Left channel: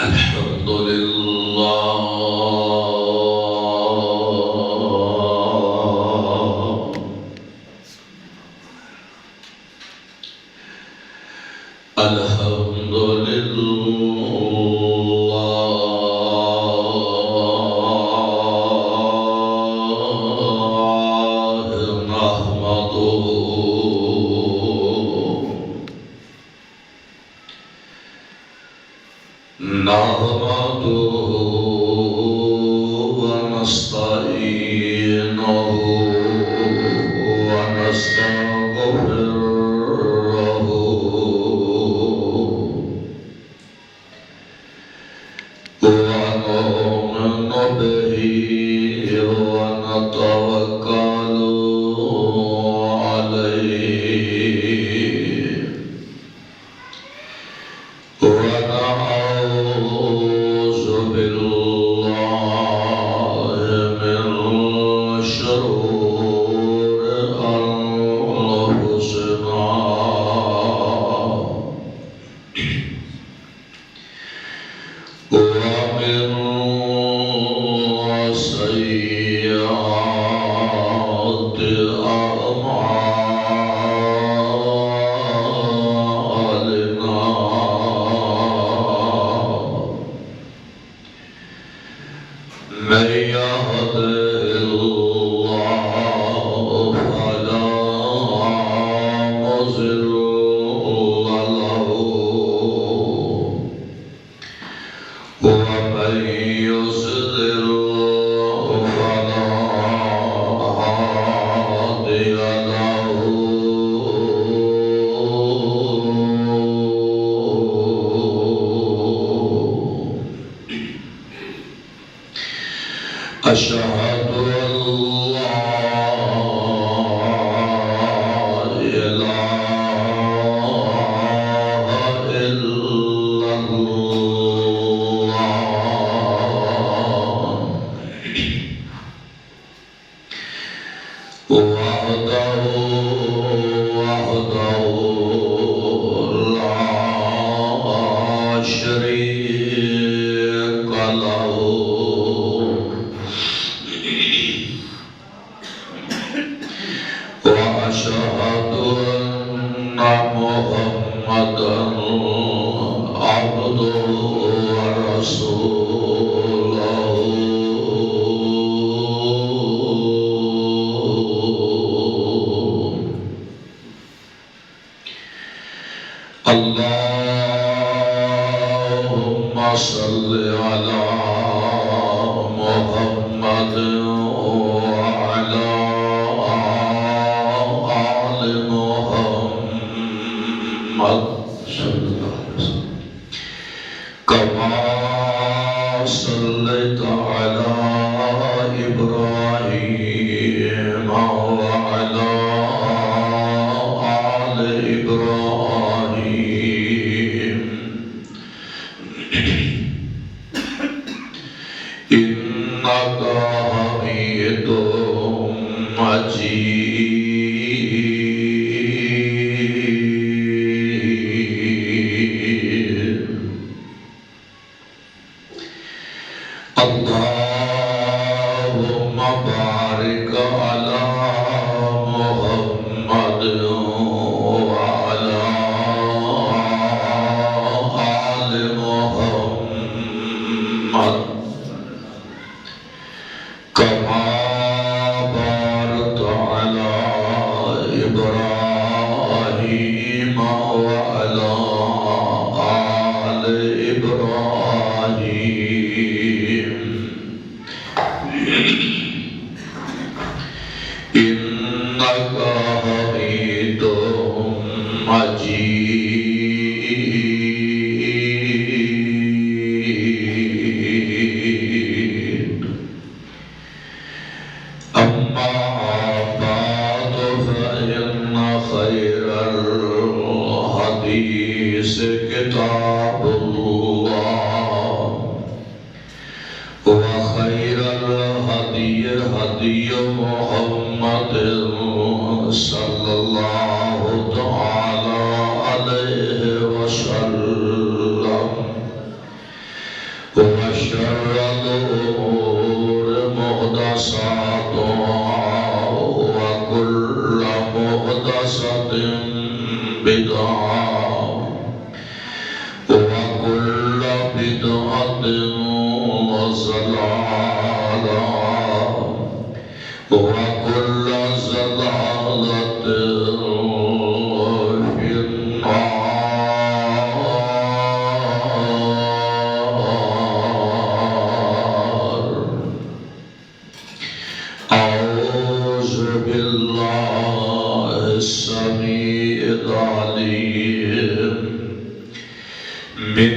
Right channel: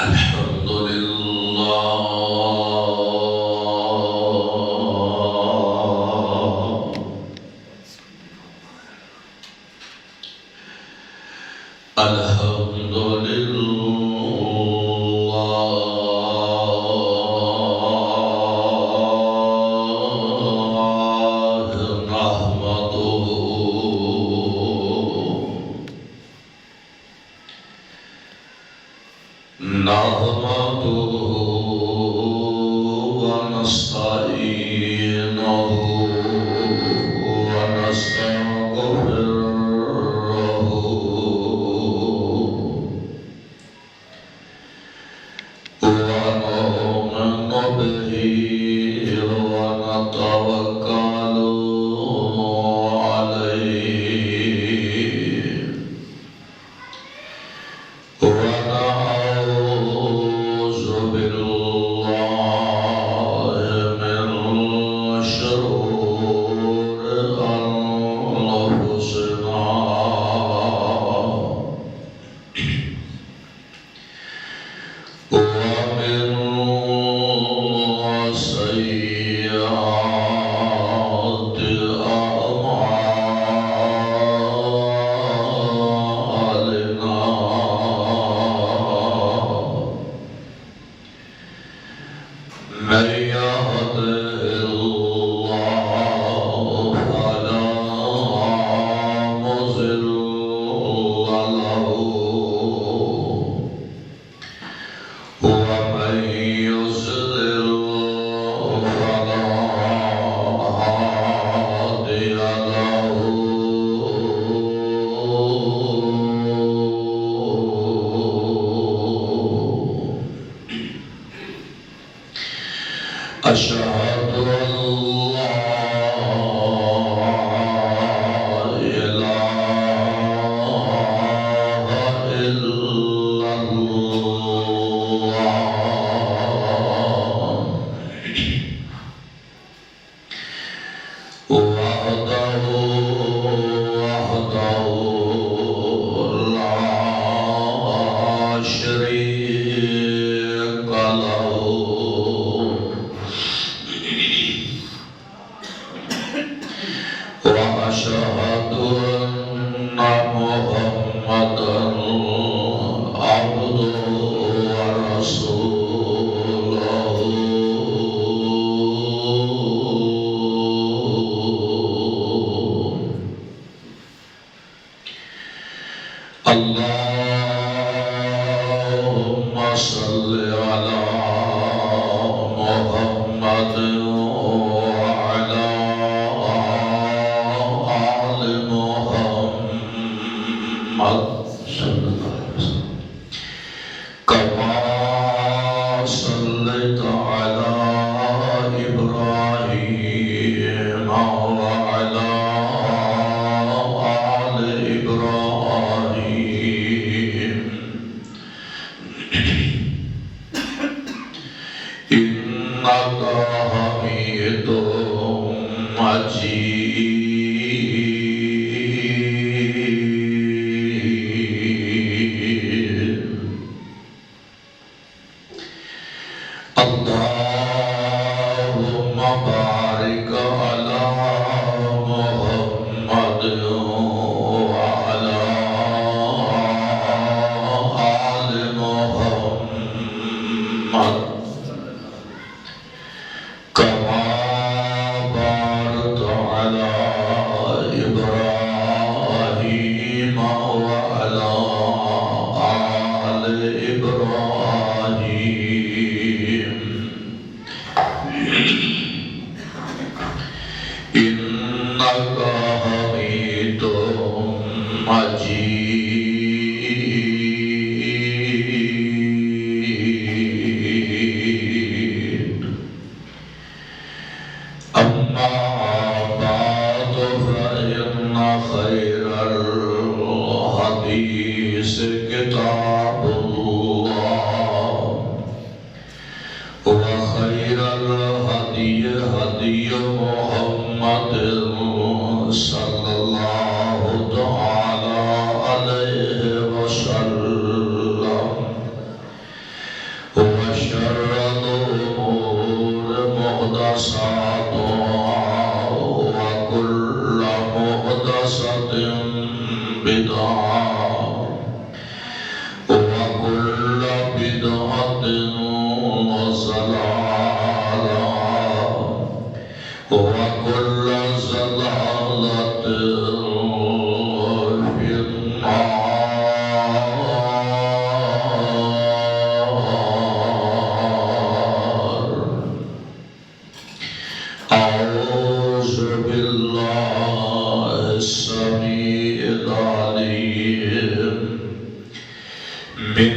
الحمد لله الحمد لله نحمده ونستعينه ونستغفره ونؤمن به ونتوكل عليه ونعوذ بالله من شرور أنفسنا ومن سيئات أعمالنا من يهده الله فلا مضل له ومن يضلل فلا هادي له أشهد أن لا إله إلا الله وحده لا شريك له وأشهد أن محمدا عبده ورسوله اللهم صل على محمد وعلى آل محمد صلى الله عليه وسلم كما صليت على إبراهيم وعلى آل إبراهيم إنك حميد مجيد اللهم بارك على محمد وعلى آل محمد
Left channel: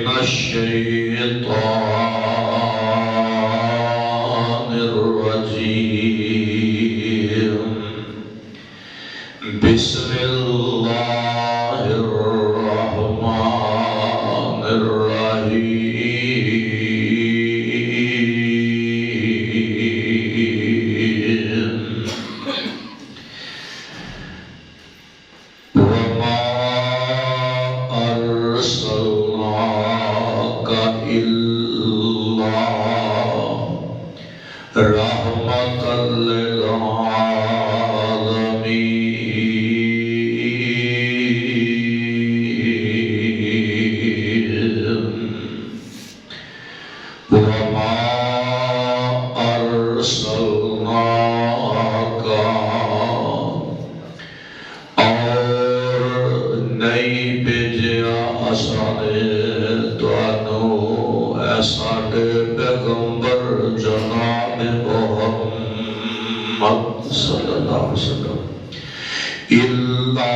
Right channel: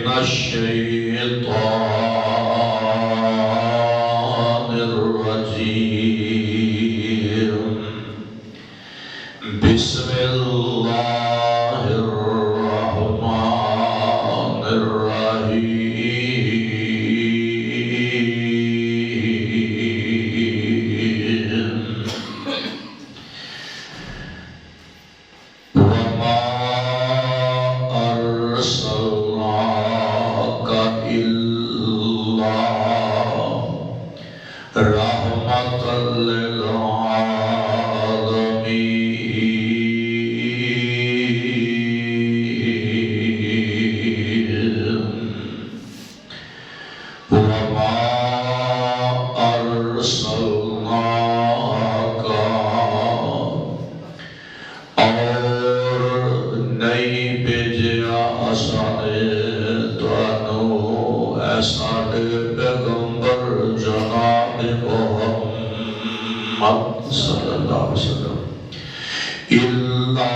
من الشيطان الرجيم بسم الله الرحمن الرحيم وما أرسلناك إلا رحمة للعالمين وما أرسلناك اور نہیں بھیجا اسانے تانو اے ساڈے پیغمبر جناب محمد صلی اللہ علیہ وسلم الا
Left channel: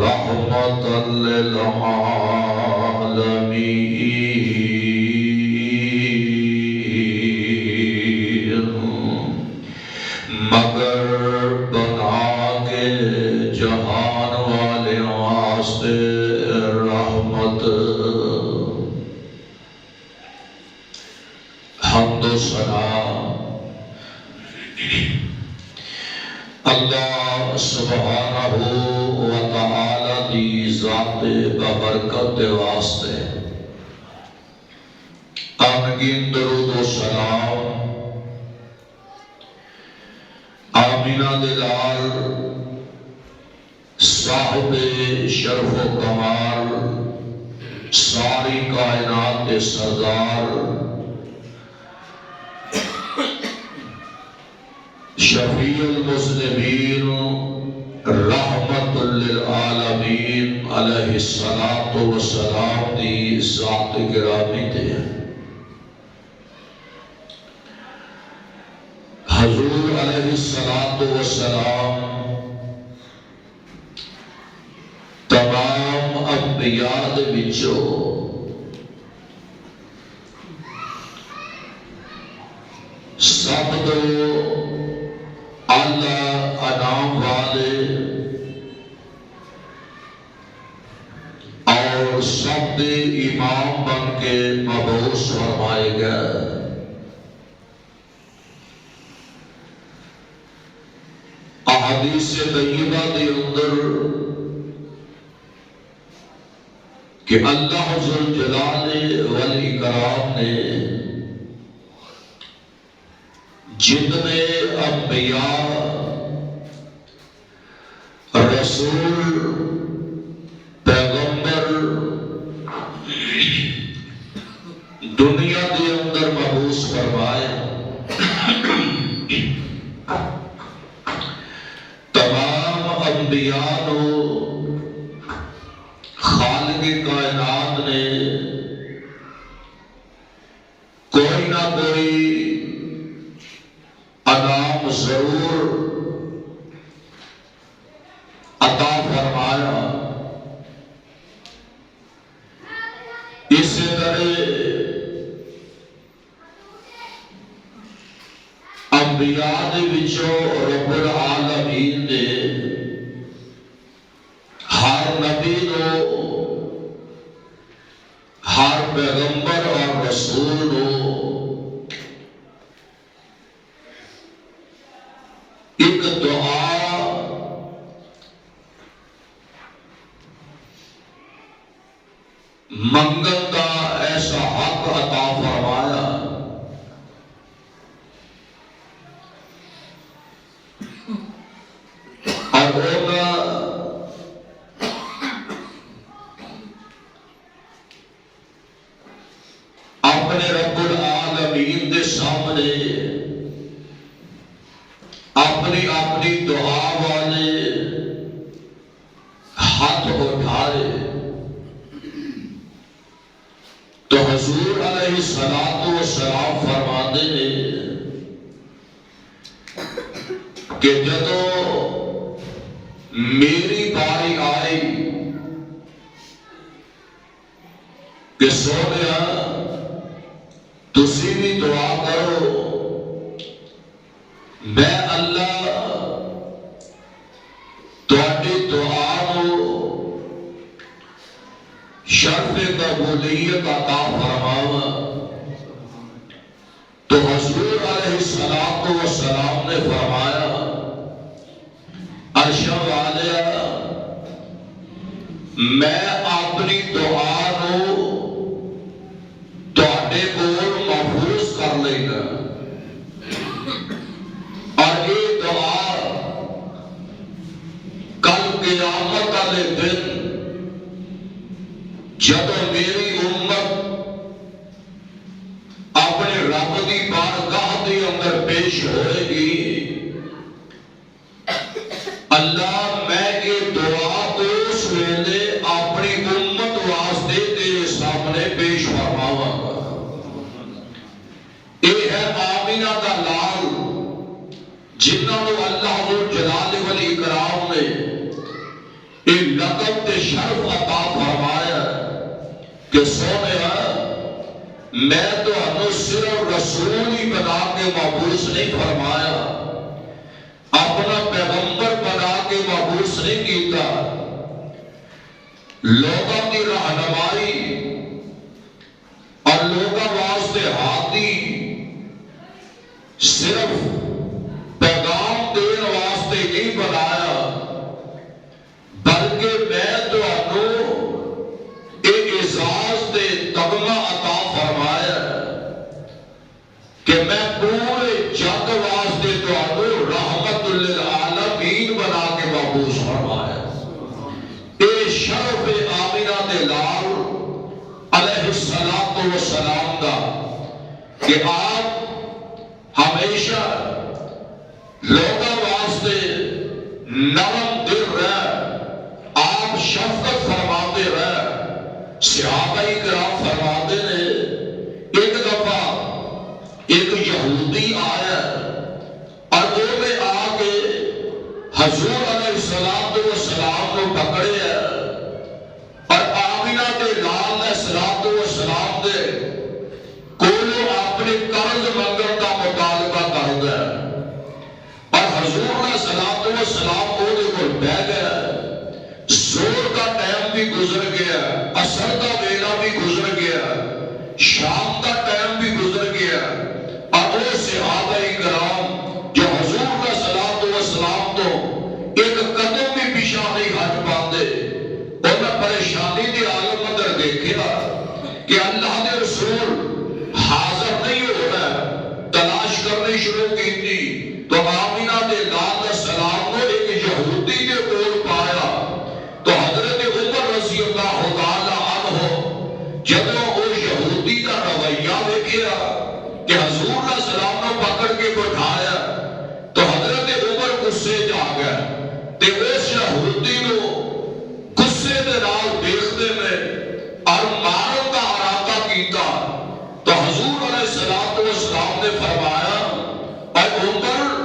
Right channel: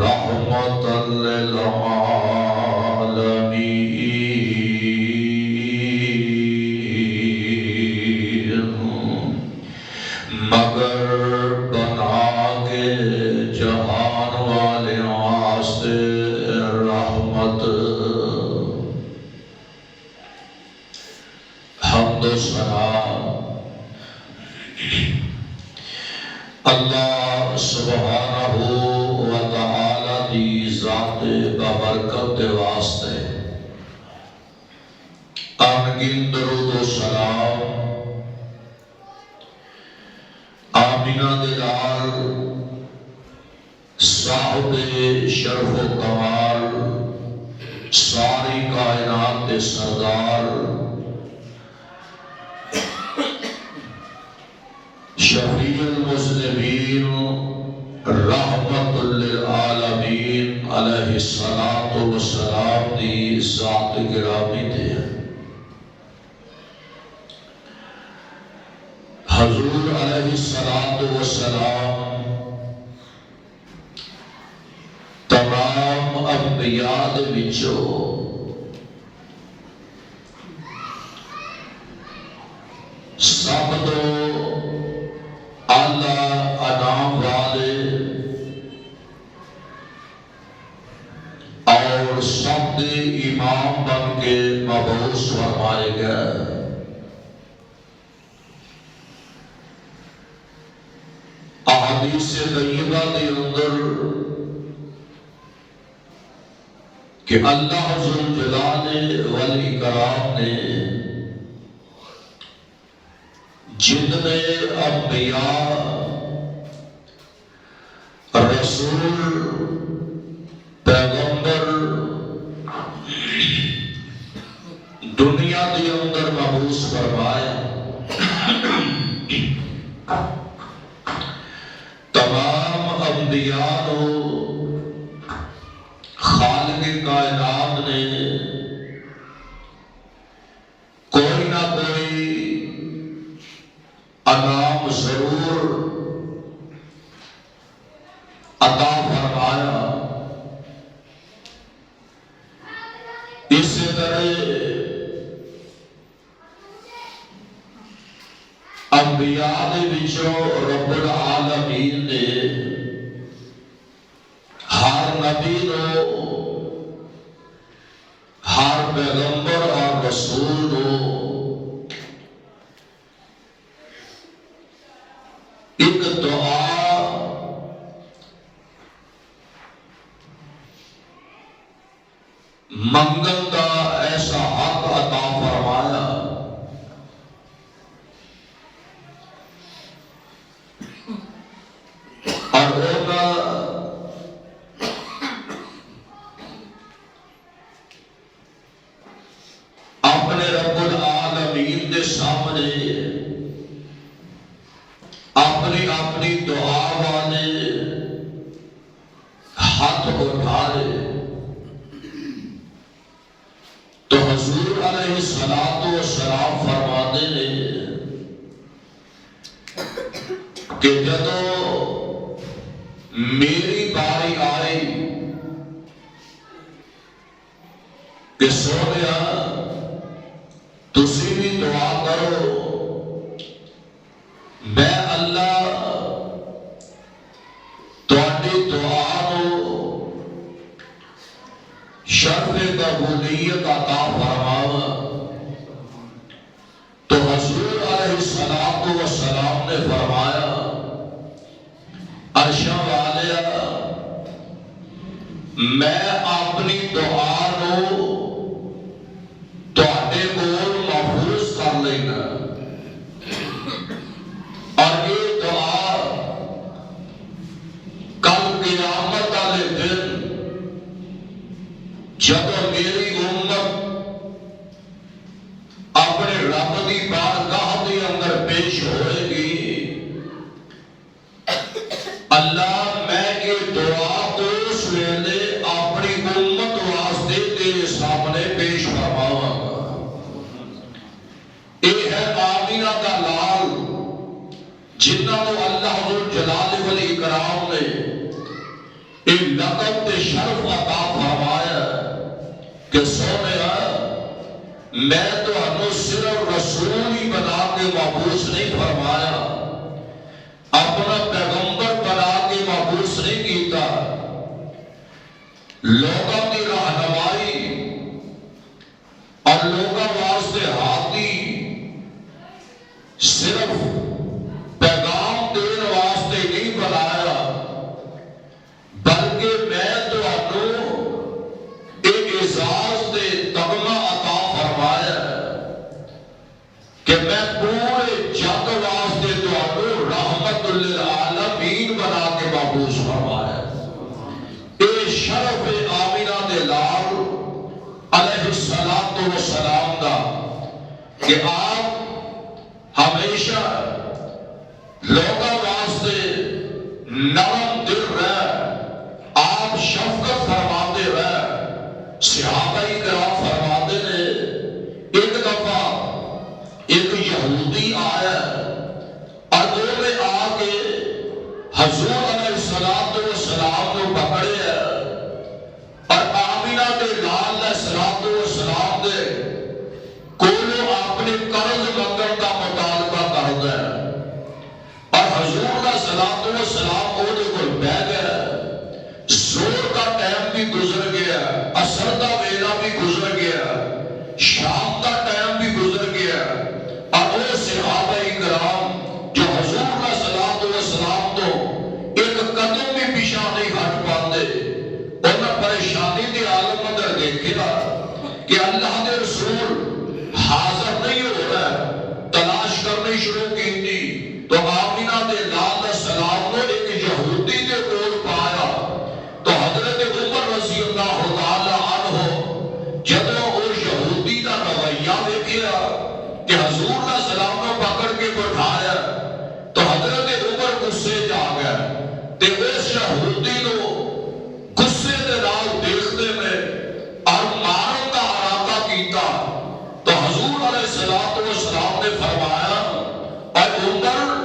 رحمت للعالمین مگر بنا کے جہان والے واسطے رحمت حمد و ثنا اللہ سبحانہ و تعالی دی ذات بابرکت دے واسطے آمین درود و سلام آمینہ دلال صاحب شرف و کمال ساری کائنات کے سردار شفیع المذنبین رحمت للعالمین علیہ الصلاۃ والسلام دی ذات گرامی تے حضور علیہ الصلاۃ والسلام تمام انبیاء دے وچوں سب تو اعلی انعام والے اور سب دے امام بن کے مبعوث فرمائے گئے احادیث طیبہ دے اندر کہ اللہ ذوالجلال والاکرام نے جتنے انبیاء رسول پیغمبر دنیا کے اندر مبعوث فرمائے تمام انبیاء کو خالق کائنات نے کوئی نہ کوئی انعام ضرور عطا فرمایا اس طرح انبیاء دے وچوں رب العالمین نے ہر نبی نو ہر پیغمبر اور رسول نو ایک دعا منگن کا ایسا حق عطا فرمایا اور اپنے رب العالمین کے سامنے اپنی اپنی دعا والے ہاتھ اٹھائے تو حضور علیہ الصلوۃ والسلام فرماتے ہیں کہ جدو میری باری آئی کہ سونیا تسی بھی دعا کرو، میں اللہ تہاڈی دعا نو شرف قبولیت عطا فرماواں۔ تو حضور علیہ الصلوۃ والسلام نے فرمایا، عرش والیا میں اپنی دعا نو تہاڈے کول محفوظ کر لینا، اور یہ دعا کل قیامت والے دن جب میری امت اپنے رب دی بارگاہ دے اندر پیش ہوئے گی، اللہ میں یہ دعا اس ویلے اپنی امت واسطے تیرے سامنے پیش فرماواں گا۔ یہ ہے آمینہ دا لال جنہاں نو اللہ ذو جلال والاکرام نے یہ لقب تے شرف عطا فرمایا کہ سونیا میں تو ہنو صرف رسول ہی بنا کے مبعوث نہیں فرمایا، اپنا پیغمبر بنا کے مبعوث نہیں کیتا، لوگوں کی رہنمائی اور لوگوں واسطے ہادی صرف پیغام دین واسطے نہیں بنایا، بلکہ میں تو ہنو ایک اعزاز دے تمغہ عطا فرمایا کہ میں پورے جگ واسطے تہاڈو رحمت للعالمین بنا کے مبعوث فرمایا۔ اے شرف آمینہ دے لال علیہ الصلوۃ والسلام دا کہ آپ ہمیشہ لوگوں واسطے نرم دل رہ، آپ شفقت فرماتے رہ۔ صحابہ کرام فرماتے نے ایک دفعہ ایک یہودی آیا اور وہ میں آ کے حضور علیہ الصلوۃ والسلام کو پکڑے اور آمینہ دے لال علیہ الصلوۃ والسلام دے کولوں اپنے قرض منگن کا مطالبہ کر گیا، اور حضور علیہ الصلوۃ والسلام وہ دے کول بیٹھ گئے۔ زور کا ٹائم بھی گزر گیا، عصر کا ویلا بھی گزر گیا، شام کا ٹائم بھی گزر گیا، اور وہ صحابہ کرام جو حضور کا صلوات و سلام تو ایک قدم بھی پیچھے نہیں ہٹ پاتے، انہیں پریشانی دی عالم اندر دیکھا کہ اللہ دے رسول حاضر نہیں ہو رہا، تلاش کرنی شروع کی تھی تو آمینہ دے لال علیہ السلام نے ایک یہودی دے کول پایا۔ تو حضرت عمر رضی اللہ تعالی عنہ جب وہ یہودی کا رویہ دیکھا کہ حضور علیہ السلام نے پکڑ کے بٹھایا تو حضرت عمر غصے جا گیا، تے اس یہودی نو غصے دے نال دیکھتے نے اور مارن کا ارادہ کیتا۔ تو حضور علیہ السلام نے فرمایا، اے عمر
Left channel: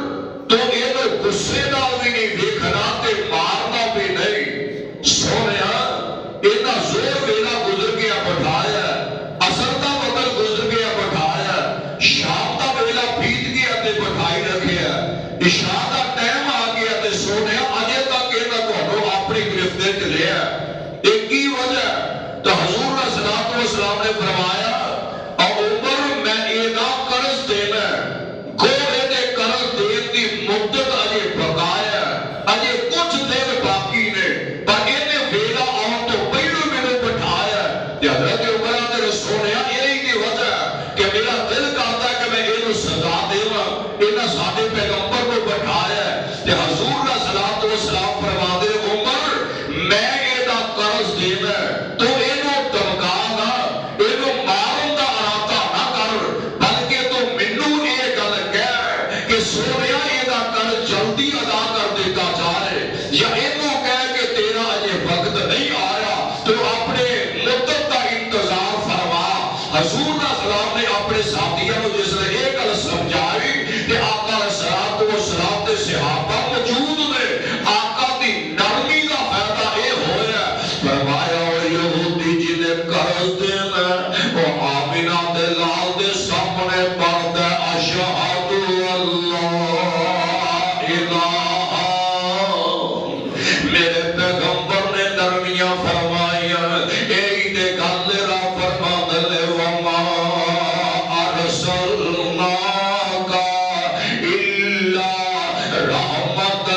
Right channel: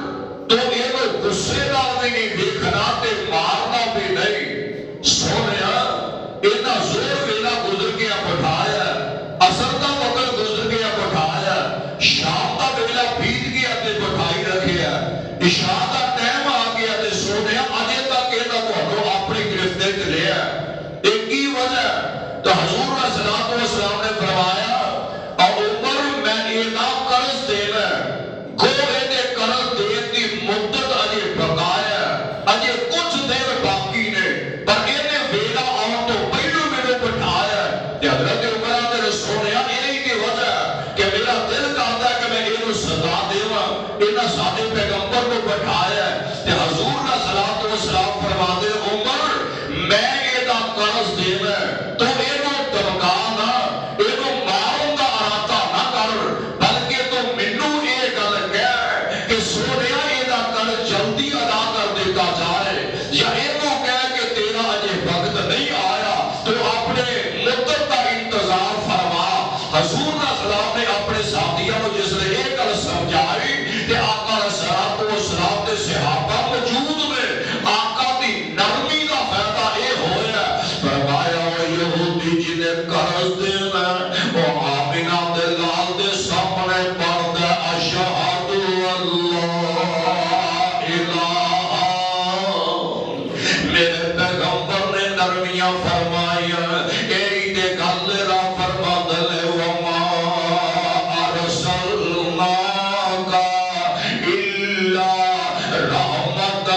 تو یہ غصے نال بھی نہیں دیکھنا تے مارنا بھی نہیں، سونیا اتنا زور ویلا گزر گیا بٹھایا، عصر کا وقت گزر گیا بٹھایا، شام کا ویلا بیت گیا تے بٹھائی رکھیا، عشاء کا ٹائم آ گیا تے سونیا اجے تک یہ تہاڈو اپنی گرفت وچ لیا۔ ایک ہی وجہ تو حضور صلی اللہ علیہ وسلم نے فرمایا، اور عمر میں یہ نہ قرض دینا گوڑے دے قرض دین دی مدت اجے بقایا، اجے کچھ دیر باقی نے، پر انہیں ویلا آن تو پہلو میرے بٹھایا کہ حضرت عمر نے سونیا یہی کی وجہ کہ میرا دل چاہتا ہے کہ میں یہ سزا دیواں، انہیں ساڈے پیغمبر کو بٹھایا کہ حضور نے صلوات و سلام فرماتے عمر میں یہ قرض دینا تو یہ دمکا نہ، یہ مارن کا ارادہ نہ کر، بلکہ تو مینوں یہ گل کہہ کہ سونیا یہ قرض جلدی ادا کر دیتا جائے، یا یہ کہہ کہ تیرا اجے وقت نہیں آیا تو اپنے مدت کا انتظار فرما۔ حضور نے اپنے ساتھیوں کو جس نے ایک گل سمجھائی کہ آقا صلوات و سلام دے صحابہ موجود نے، آقا دی نرمی کا فائدہ یہ ہویا، فرمایا یہودی جنہیں قرض دینا وہ آمینہ دے لال دے سامنے پڑھتا اشہد اللہ الہ میرے پیغمبر نے نرمیاں فرمائیا ایک گل را فرما دلے وما ارسلناک الا رحمت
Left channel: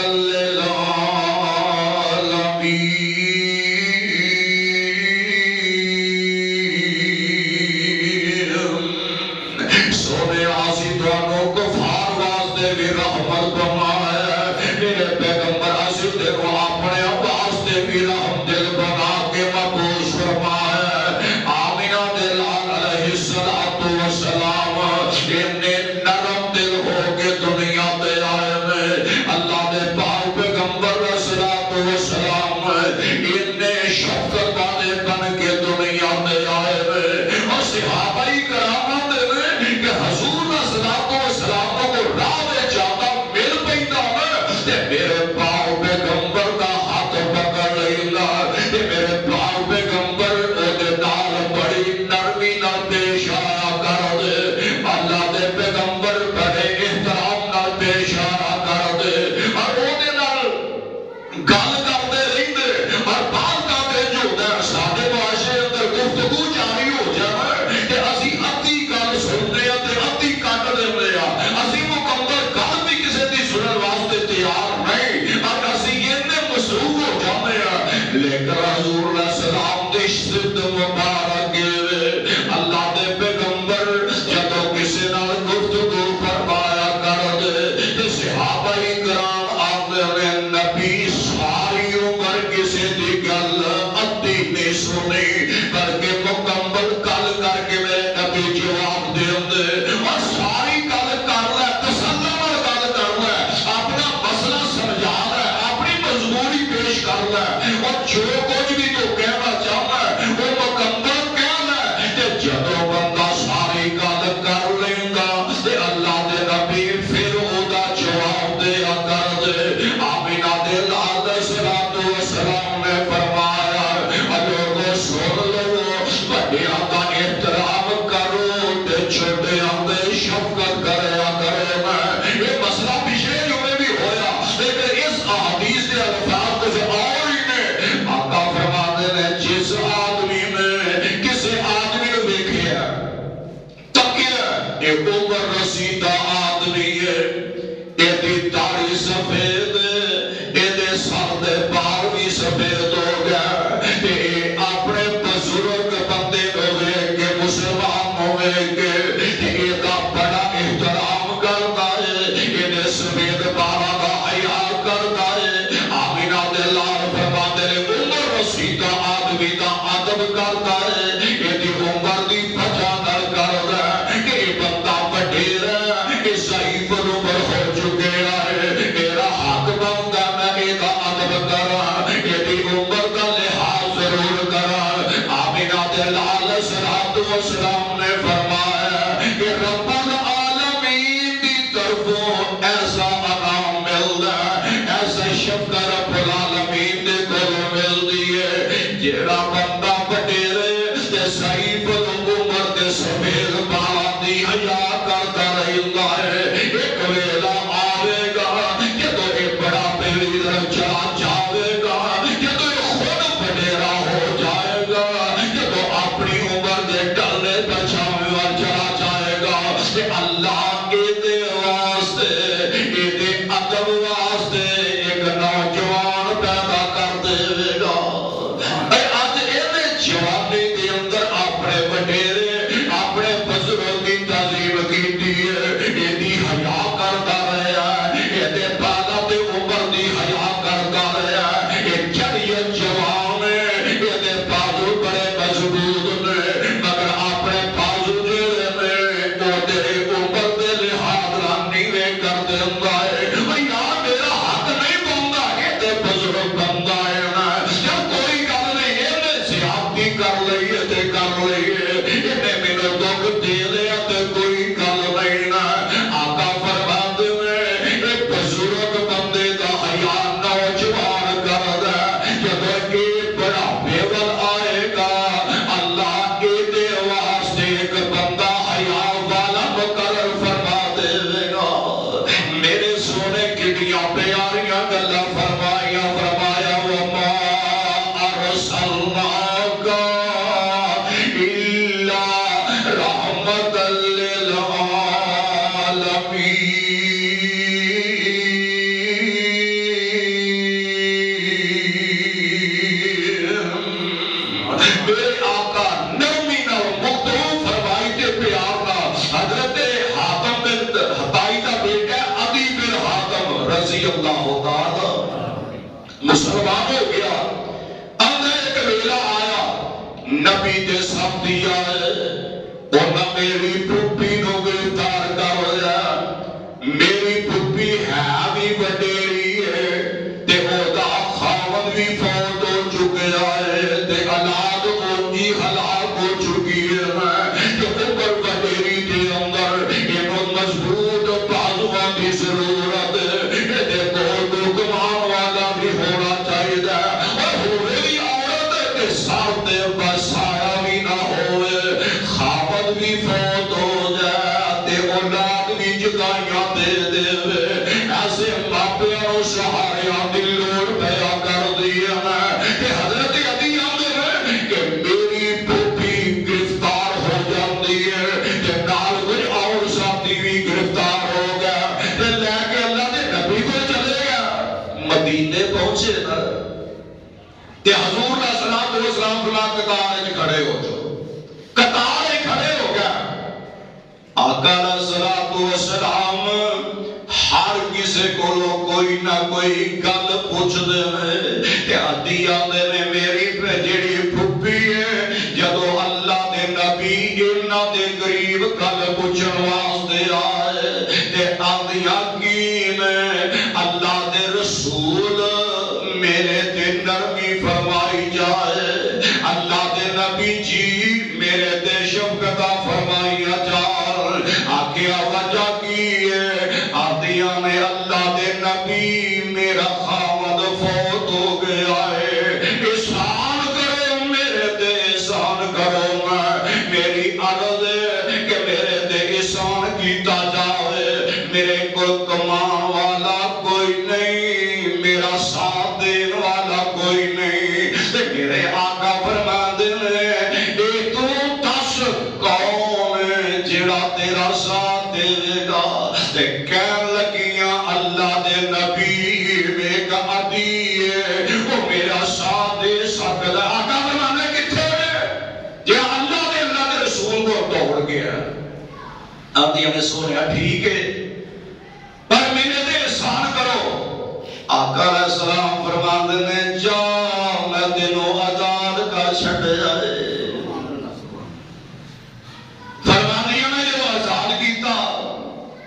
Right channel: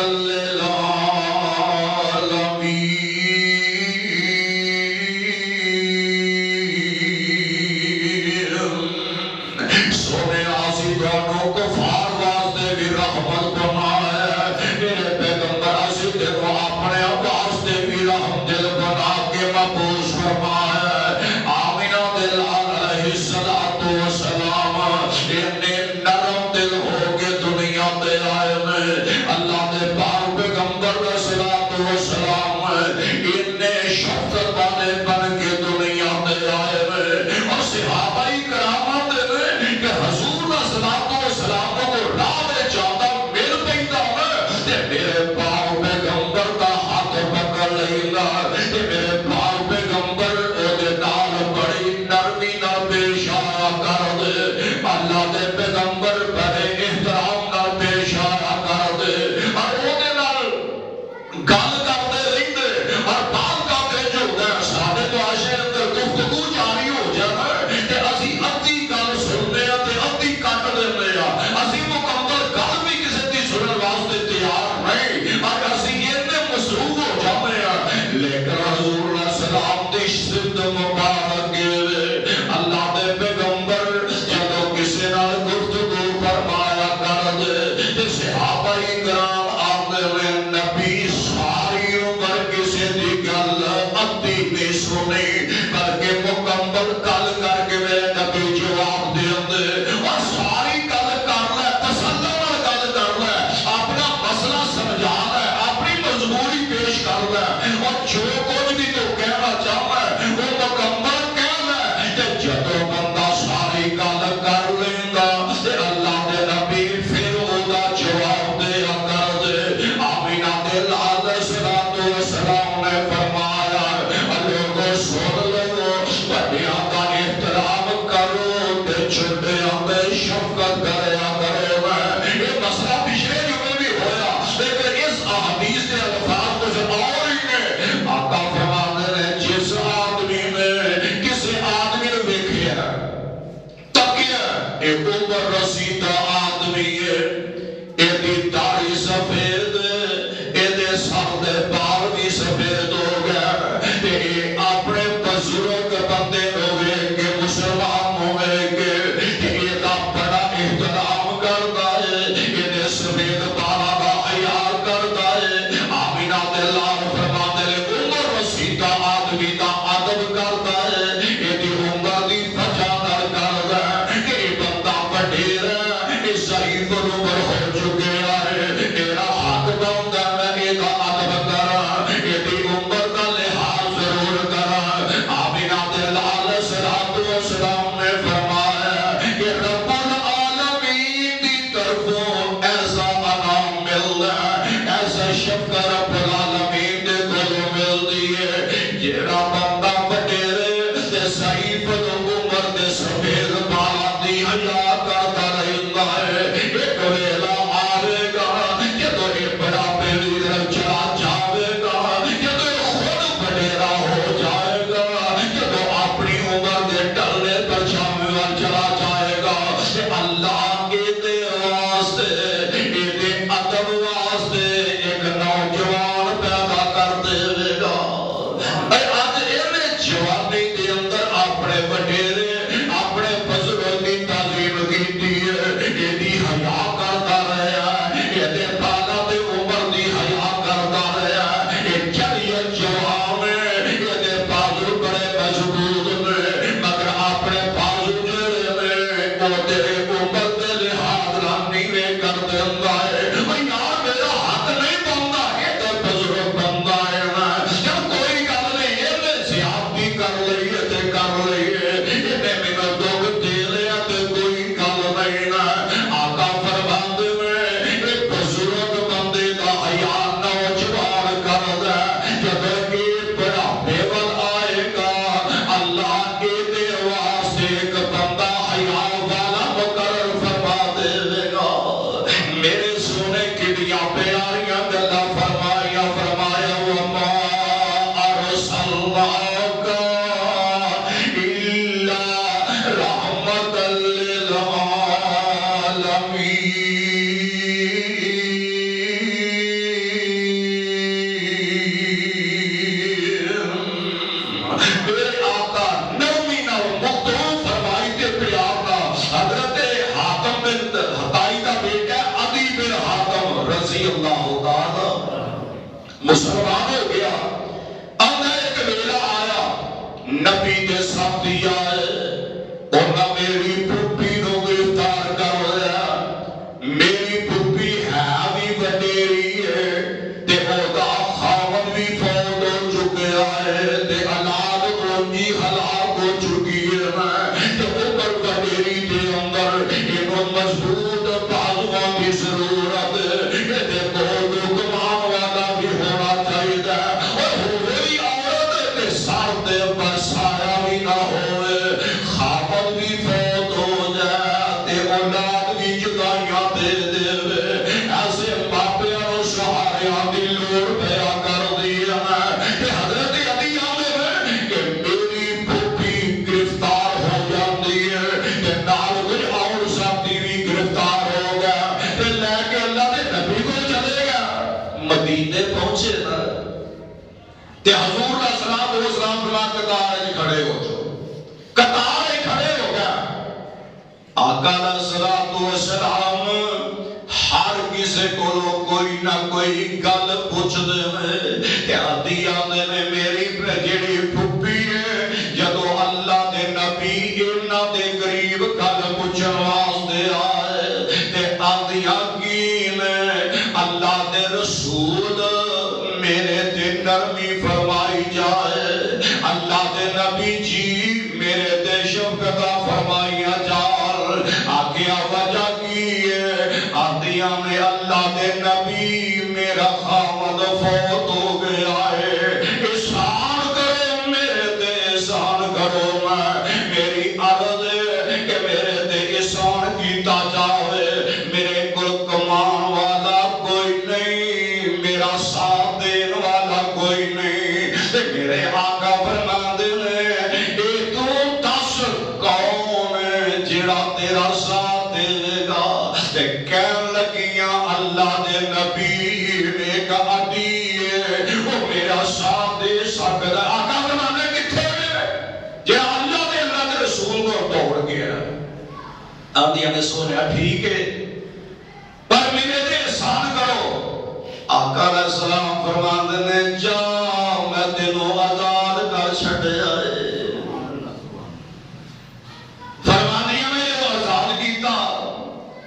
للعالمین سونے آسی دونوں کفار واسطے بھی رحمت بنایا میرے پیغمبر آسی دیکھو اپنے واسطے بھی رحم دل بنا کے مبوس فرمایا آمینہ دلال علیہ السلام انہیں نرم دل ہو کے دنیا تے آئے میں اللہ نے پاک پیغمبر السلام انہیں شفقت والے بن کے دنیا تے آئے میں اور صحابہ کرام دے کہ حضور السلام کو راہ میں جاتا مل پیدا ہے تے میرے پاک پیغمبر کا ہاتھ پکڑ لینا تے میرے پاک پیغمبر دے نال بڑی نرمی نال پیش آیا کر دے اللہ دے پیغمبر بڑے احترام نال پیش آیا کر دے اور دے نال گل کرتے رہتے اور بعض کا جو ہے سارے معاشرے اندر گفتگو جاری ہو جانا کہ اسی ادھی گل سنتے ہیں تے ادھی کٹ دیندے ہیں اسی مکمل گل بھی کسی دی سنن واسطے تیار نہیں اور اسی اتنے مصروف ہو جاتے ہیں لیکن حضور علیہ السلام دی صفت مبارک اللہ دے پیغمبر جب کسی نال گفتگو فرمایا کر دے تے صحابہ کرام آتے ہوئے نبی ساری عمر کسی دی گل ادھی نہیں سنی بلکہ مکمل گل کر کے میرے نبی جواب دے اور ساری گل کر لے تسلی نال گل کر لے اپنا مسئلہ سمجھا لے اپنی مجبوری پیش کر لے اور جو کچھ بھی تو کہنا چاہتا ہے وہ مکمل کہہ لے کہ جدوں بندہ ساری گل کر لیندا تے اللہ دے نبی پھر اودا جواب دیا کر دے آمینہ دے لال السلام نے فرمایا لوگوں سن لو بڑیاں دا احترام کرو تے چھوٹیاں دے شفقت کریا کرے میں یہ مسئلہ پچھلے جمعے بھی ہویا لیکن اس احادیث کے الفاظ کچھ اور ہی نے آقا فرماتے ہیں جس آدمی نے کسی آدمی نے دیکھیا تکیا ایک عمر رسیدہ آدمی ہے ایدی داڑھی سفید ایدے سر دے بال بھی سفید ہو گیا اپنے بزرگ بندے ہوئے کہ مسلمان ہوئے کہ ایدہ بڑا احترام کرتا ہے ایدے سفید بالا کا حیال کرتا ہے آمینہ دلال فرماتے ہیں عمر رسیدہ آدمی دا عدب کرتا ہے ایدی عمر دی بچانا کرتا ہے کہ بندہ بڑھیر ہے اس ضعیف عمر ہو چکے ہیں میرا حق بندہ میں ایدہ عدب کرا ایدی عمر کا لحاظ ضرور کرا آمینہ دلال السلام نے فرمایا کہ رب العالمین دی طرفوں ایسا انعام ملدا ایسا شفقت رب العالمین دے کولوں ملدی ہے جیڑا بندہ بڑھیرے تے ضعیف عمر دے سفید بالاں دی حیا کردا رہندا ہے ایک ویلا آوے گا جدوں یہ بڑا پیری چلا جاوے گا جدوں خود بڑھیرا ہو جائے گا جدوں اپنی عمر دے ٹلے پر چلا جائے گا تے اللہ کے دے واسطے ایدے ادب واسطے ایک نوجوان پیدا کر دے گا آج اینے جوانی دے اندر اپنے وڈیرے اپنے بزرگ کی تعظیم کیتی ہے ایدی حیا کرتا رہا ہے ایدے بالا دے عمر دی حیا کرتا رہا ہے ایک جڑیت جوان ہے ایدے بازو بڑے مضبوط نے مگر اپنے بازو جڑے نے وہ تیرے عمر دے لحاظ نیوے کر دیندا ہے یار میرا حق نہیں بندا ایدے بزرگ بندہ ہے جب کوئی گل نہیں اینے زیادتی کر لئیے تے کر لئیے اینے مینوں دکھ دے لیا تے کوئی گل نہیں نا آقا فرماندے میں ایک بزرگ بندے دا حیا نوجوان کر دے جدوں کہ بڑا بیول آئے گا اللہ نبی کے ساتھ دیا ہے انہاں میری پھپھی نو گرفتار کر لیا میری پھپھی ہے بھی وڈیری ہے تے او دا خاوند بھی فوت ہو چکیا ہے تے اولاد اونجی ہلاک ہو چکی ہے تے اوپر وڈیری دے اندر اینو مضبوط بازواں دی ضرورت ہے تے کوئی کمان والا بھی ہونا چاہیے اور ہوے بھی عورت تے سر تے بسایا بھی نہ ہوئے خاوند بھی فوت ہو جائے تے اولاد بھی جدائیاں دے دے ایسے ماپیاں و سہاریاں دی لوڑ پیا کر دیا کہ حضرت علی آدھے ہیں کہ میری پھوپھی گرفتار ہو جاتی ہے کہ نال کوئی اور ساتھی بھی گرفتار ہو گیا کہ لے کے اللہ نے نبی کو چلے گیا مدینے پہنچے نا کہ حضور علیہ السلام فلاں قطار میں کھڑے ہو جو قطار میں کھڑے ہو گیا آقا علیہ السلام ہر کسی کو کوئی نہ کوئی گل پوچھ دے کہ آدھی آدھے نے میری جیڑی پھپھی ہے جدو اللہ دے نبی انہاں دے قریب گل پوچھن واسطے آئے تے آدھیاں کی میں اللہ دے رسول میرے تے نرمی فرمائی جائے اللہ دے نبی جی میرے تے شفقت فرمائیا جائے آگیا وجہ کی ہے آدھیاں میں اللہ دے نبی میرا خاوند فوت ہو گیا ہے احسان کرو میرے تے احسان کرو میری عرض ہے کہ میرے تے احسان کیتا جائے میرے کل کمان والا کوئی نہیں میرا ساتھ دین والا کوئی نہیں میرے آقا فرماندے نے اے تو دس کون ہے جڑا تیرا ساتھ دے گا تے کہن لگیاں اللہ دے نبی ایک عدی ہے وہ میرا ساتھ دے سکتا آقا فرماندے کتھے جے اللہ دے رسول کو دوڑ گیا آدھیاں نے سونیا ٹھیک ہے پر میرے تے احسان کرو آقا علیہ السلام فرماندے نے جا میں تینوں آزاد کر چھڈیا ہے فرماندیاں میں جدوں آزاد کیتا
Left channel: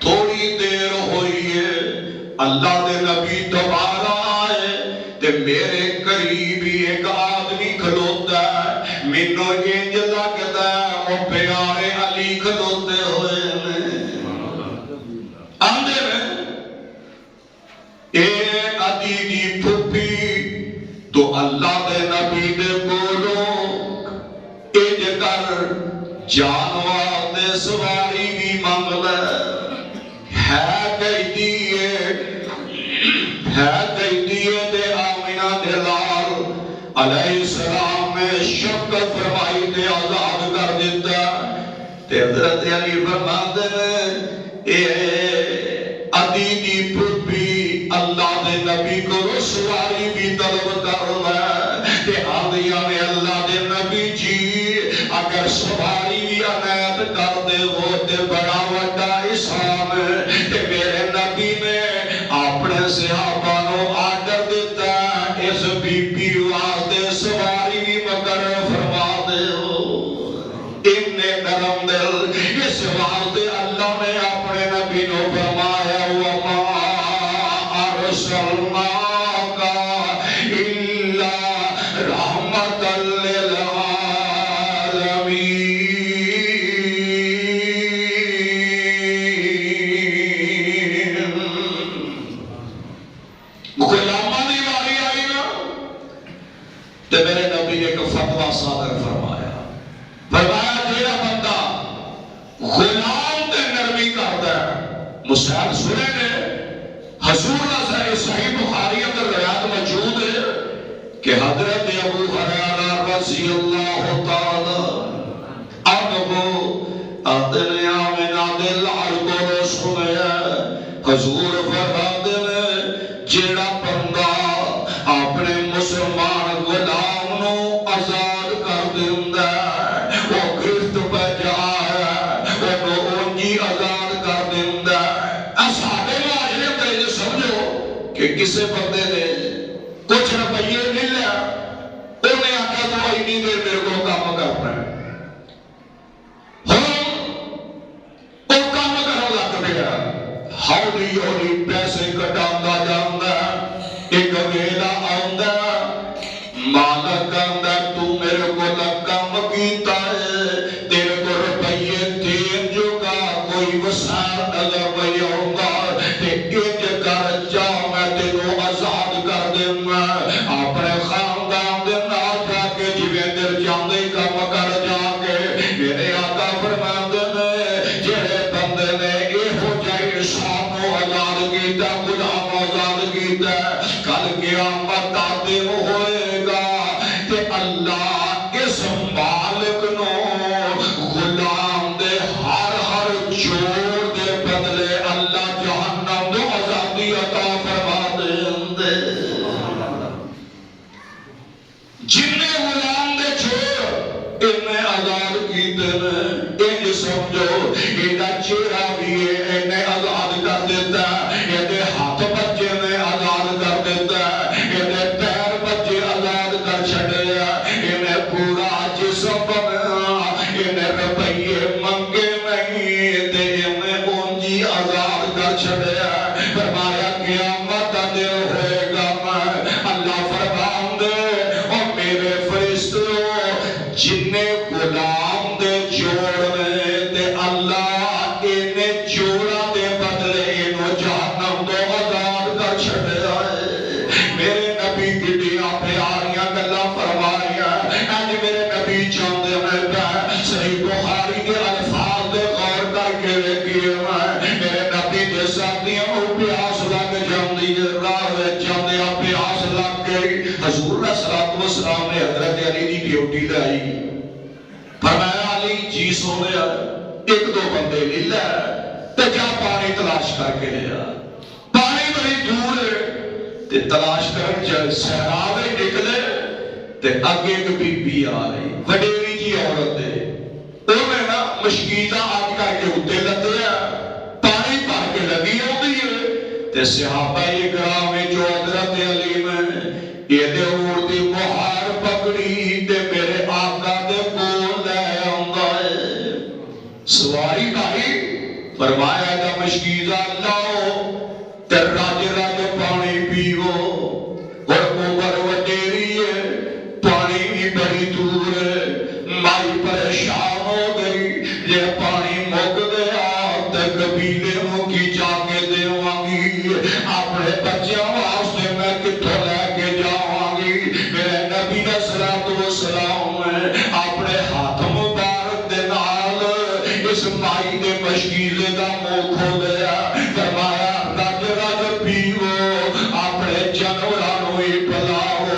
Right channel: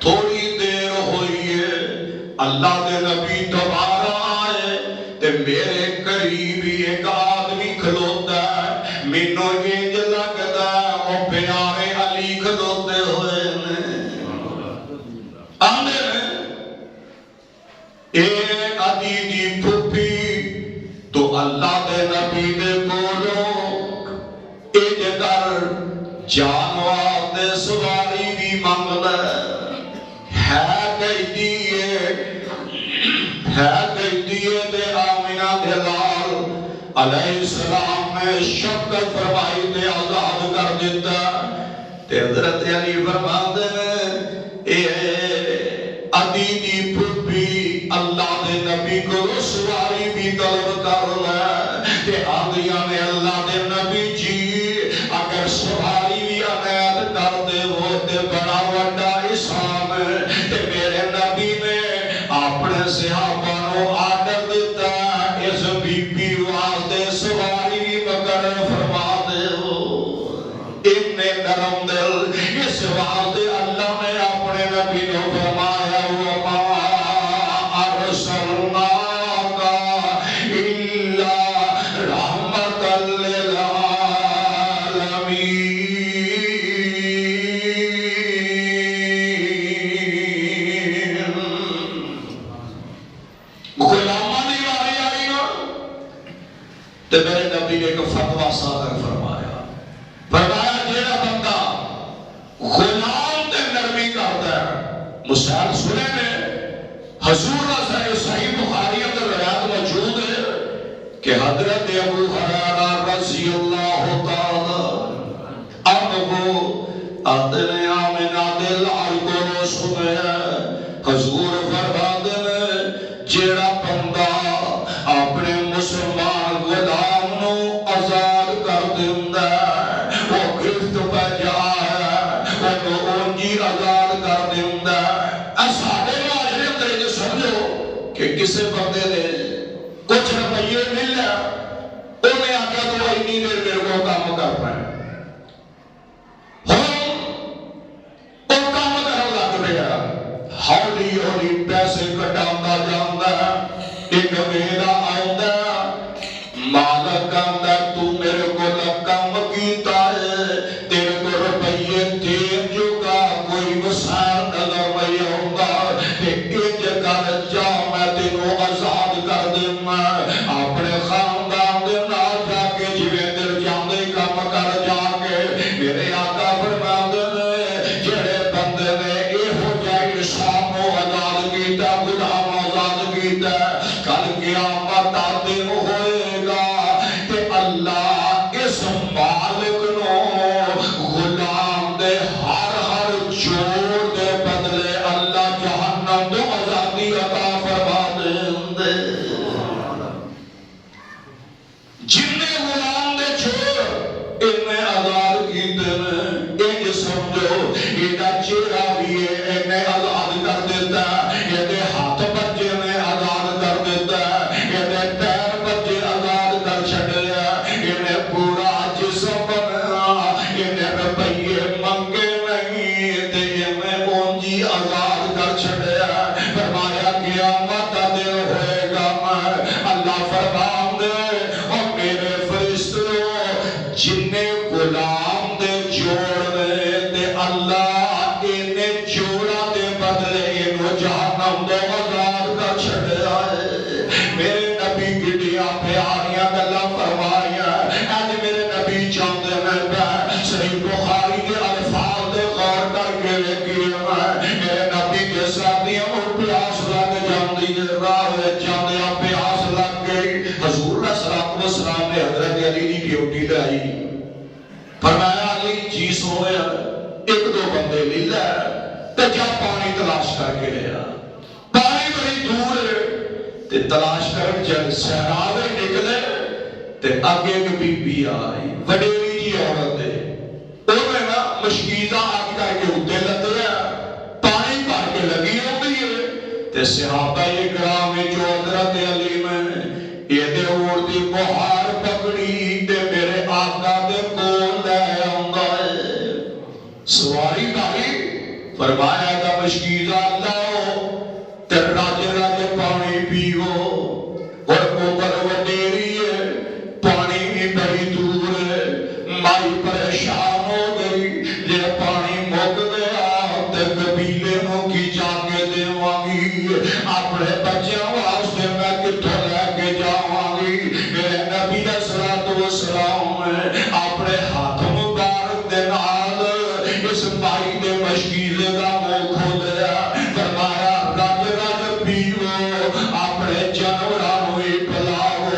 تھوڑی دیر ہوئی ہے اللہ دے نبی دوبارہ آئے تے میرے قریب ایک آدمی کھلوتا ہے مینوں انج لگدا ہے او پیارے علی کھلوتے ہوئے آندے میں اے عدی دی پھپھی تو اللہ دے نبی دے بولو انج کر جانوار دے سواری بھی مانگ لے ہے کہی دیئے دے آمینہ دے لال علیہ السلام نے شفقت فرمائی دے آزاد کر دیتا تے حضرت علی فرماتے ہیں اے عدی دی پھپھی اللہ دے نبی کو سواری بھی طلب کر لے کہ آدھیاں نے اللہ دے نبی جی اگر سواری بھی عنایت کر دے ہو تے بڑا وڈا احسان ہے کہ میرے نبی نے اپنے صحابہ کو آرڈر دیتا اس بی بی واسطے سواری بھی مقرر فرما دے ہو اتنے نرم دل اس واسطے اللہ نے اپنے نبی کو فرمایا وما ارسلناک الا رحمۃ للعالمین غلاماں دی واری آئی نا تے میرے نبی نے ایک فتویٰ صادر فرمایا جیڑا بندہ غلام تے نرمی کرتا ہے مسائل سنے نے حضور صحیح بخاری اندر روایت موجود ہے کہ حضرت ابو ہریرہ رضی اللہ تعالی عنہ اپنے آمنہ دل کو سنیا حضور فرماتے ہیں جیڑا بندہ اپنے مسلمان غلام نو آزاد کر دیندا ہے وہ گرفت پہ جا ہے وہ اونجی آزاد کر دیندا ہے ساڈے معاشرے اندر سمجھو کہ کسی بندے نے کچھ روپیے مل لیا انہیں آخیا تو اینی دیر میرے کو کام کرنا ہے ہੌلی ہੌلی پیسے کٹاਉਂدا جاندا ایک ویلا آਉਂਦਾ مالک آਉਂਦਾ تو میرے کو کام کیتا ہے تیرے کو روپیے دین جوگا کوئی وسائل نظر نہیں آਉਂਦਾ تے انج کر جا میں تینوں آزاد کر دینا اپنے خاندان دے نال جا کے جویں دل چاہندے کام کر جا کے میرے آقا فرماندے نے جڑے بندے نے ایہو جہے انسان نوں آزاد کیتا غلام آزاد کیتا کل قیامت دا دن ہوئے گا تے اللہ اس مالک نوں غلام دے ہر جوڑ دے بدلے اللہ جہنم دے آزادی عطا فرما دے جن غلام دے چھوڑ انہیں آزاد کیتے نے یہ سمجھو یہ چہرہ بھی انہیں آزاد کر دیتا یہ ہاتھ بچے نے آزاد کر دیتا یہ پیر بچے آزاد کر چھڑے انہیں پورا جسم بنا انہیں روپیے منگے نہیں تے انہیں اونجی آزاد کر چھڑے فرمایا قیامت دا دن ہوئے گا اللہ فرمان دے اور میرے فرشتوں جننے غلام دے جوڑنے تے اللہ انہیں جوڑا دے بدلے انہوں جہنم دو آزاد کر چھڑے آئے میرے نبی کی دیا پیاریاں گلہ فرمائیاں آج میرے نبی چاندے میں پہ صحیح بخاری کے الفاظ دے غور کر کے لکھئے میرے نبی دے ساتھیاں اور پیاس لگ جاندی راہ جاندیا پیاس لگ گئی حضور صلی اللہ علیہ وسلم نے حضرت علی دی ڈیوٹی لائی فرمایا علی جی سونے ایک دو بندے لے لے تے جا پانی تلاش کر کے لیا پانی بڑی دور ہے تے تلاش کر جب صحراوے نکلے تے اگے ایک بی بی آ رہی وڈیری جی عورت ہے انہیں نا مشکیزہ آگ کر کے اتے لگے پانی پار کے لگی ہوتی ہے تے صحابہ اکرام جو حضرت علی میں یہ دے اڑتی مہار پکڑی تے میرے آقا دے کول لے آؤنگا ہے سواری بھائی فرمایا دا مشکیزہ لاؤ تے راجے راجے پانی پیو اور اوپر وڈیری ہے پانی بھی بڑی دور ہے مائی پریشان ہو گئی یہ پانی مک گیا تے قبیلے موں کی جا کے دیوانگی اپنے بچیاں واسطے میں کتھوں لے کے جاؤنگی میرے نبی صلی اللہ علیہ وسلم نے اپنے ہاتھ مبارک دے نال اس مائی دے مشکیزے دا منہ کھولیا فرمایا رج رج پیو اپنے جانوراں نوں پلاؤ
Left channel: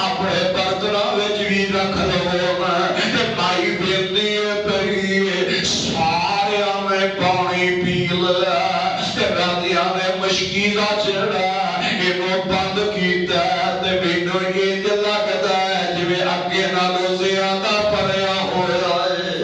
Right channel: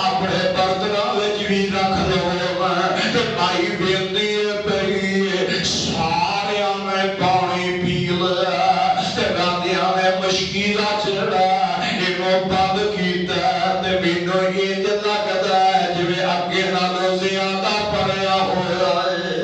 اپنے برتناں وچ بھی رکھ لو تے مائی بیندی پئی ساریاں نے پانی پی لیا تے راندیاں نے مشکیزہ چڑھا انہوں بند کیتا تے مینوں یہ لگدا ہے جویں اگے نالوں زیادہ پڑیا ہویا ہے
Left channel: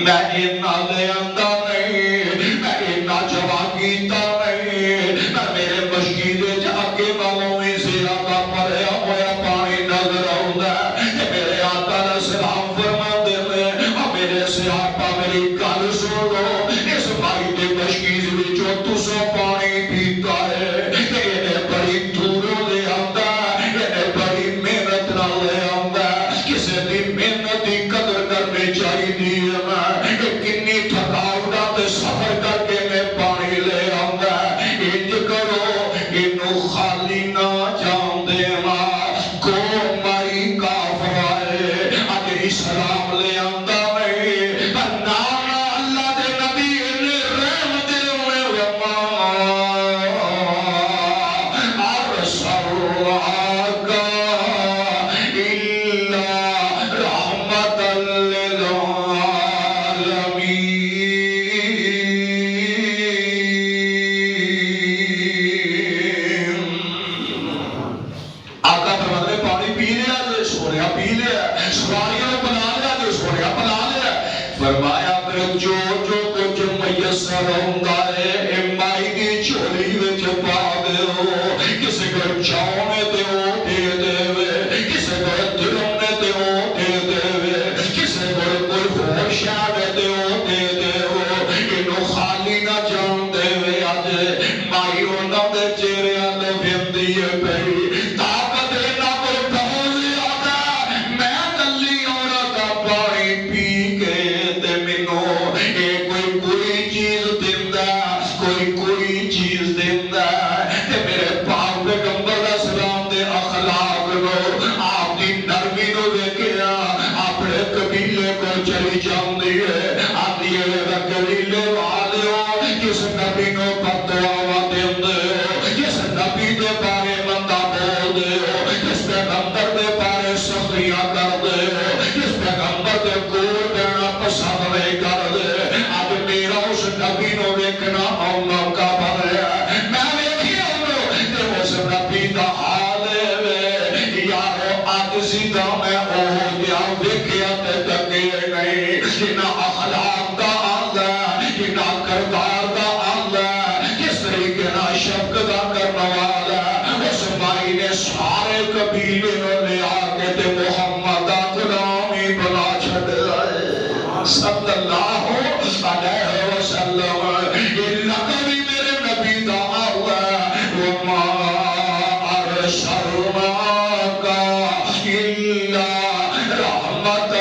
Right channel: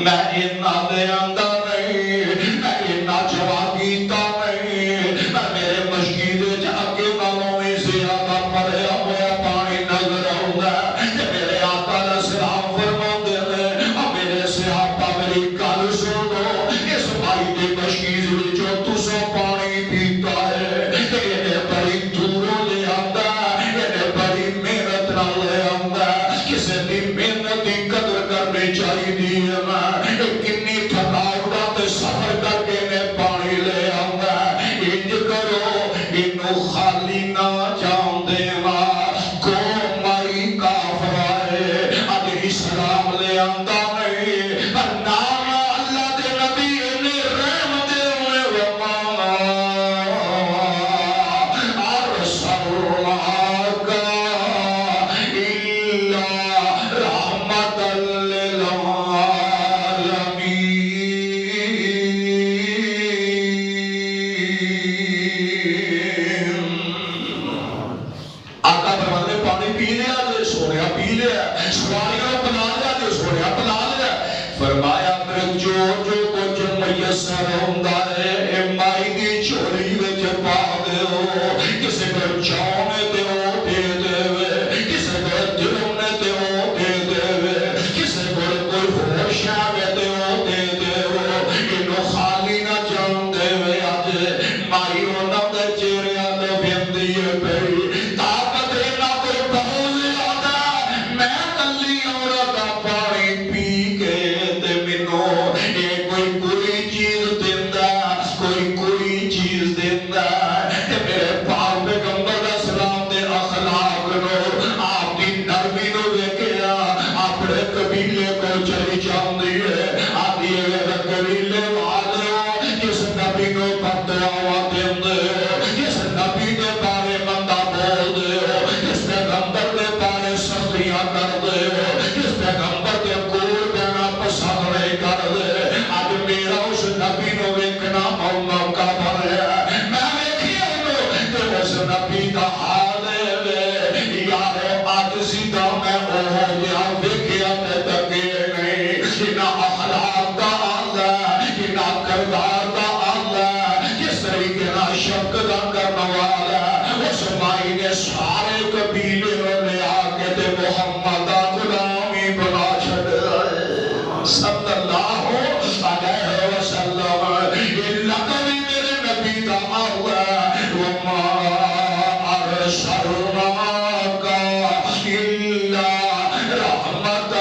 میں انہاں دے آندا نہیں میں انہاں جوا کیتا نہیں میرے مشکیزے چ اگے نالوں بھی زیادہ پڑیا ہویا پانی نظر آؤندا تے میرے آقا دا سلام فرماندے نے او میرے صحابہ میری گل سنو اس مائی دے مشکیز وچوں تسوں پانی پیتا ہے انہیں بڑی دوروں لے آندا انہیں بڑی محنت نہ لے آندا کسے بھی محنت دی قدر کرنی چاہیے کنی تھکاوٹاں تے سفر کر کے میں پانی لے آندا انج کرو انہوں خالی نہ جان دینا کو مائی کافر آئے اج اسلام لے آندا نہیں نام اللہ دے نبی نے رحم دے ہوئے وما ارسلناک الا رحمۃ آقا فرماتے نے پانی پی لیا تے سویا پی لیا سواریاں پلا لیا تے سویا پلا لیا فرمایا پھر جو کچھ میسر ہوندا ہے اے مائی دی جھولی وچ پا دیو کسے کو چاونے تے او دے دے کسے کو دلونے تے او دے دے کسے کو کوئی ہوش آوے تے او دے دے انہوں خالی نہ جان دے صلی اللہ علیہ وسلم یہ لقب بھی میرے نبی دا ہوا وما ارسلناک الا رحمت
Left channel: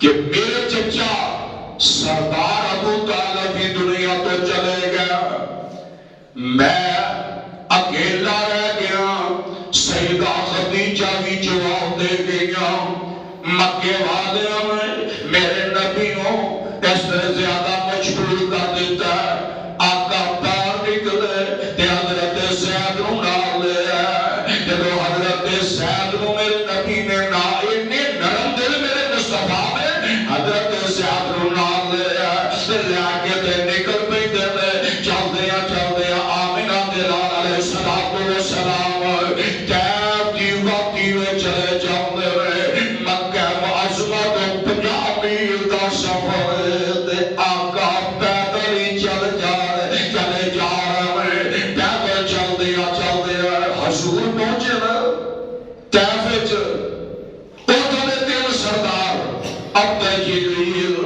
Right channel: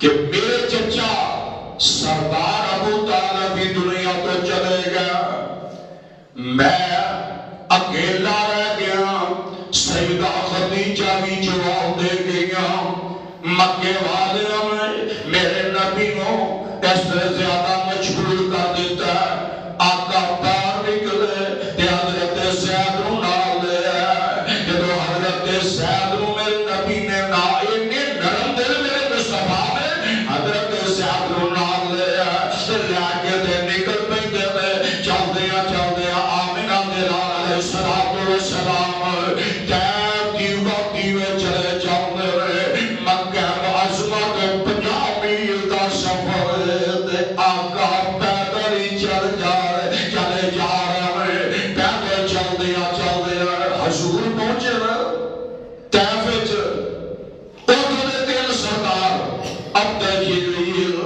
کہ میرے چچا سردار ابو طالب بھی دنیا تو چلے گیا، میں اکیلا رہ گیا، سیدہ خدیجہ بھی جواب دے گیا، مکے والے میں میرے نبی نو اس سے زیادہ مجبور کر دیتا ہے، آقا باہر نکلے تے حضرت زید نو نال لے آئے، جب حضرت زید نو میرے نبی نے نرم دل میرے مصطفیٰ میں حضرت زید نو نال لے آئے، لے کے تے نکل پہ دے چل دیا آمینہ دے لال علیہ السلام کیب دیواتی میں چلے جاؤں مکہ معظمہ تو 50 میل دا سفر دے آقا پیدل ہی چلے جا رہے پیدل چل دیا حضور پہنچے نا طیف وچ ادھر تیل سردار عبد جلیل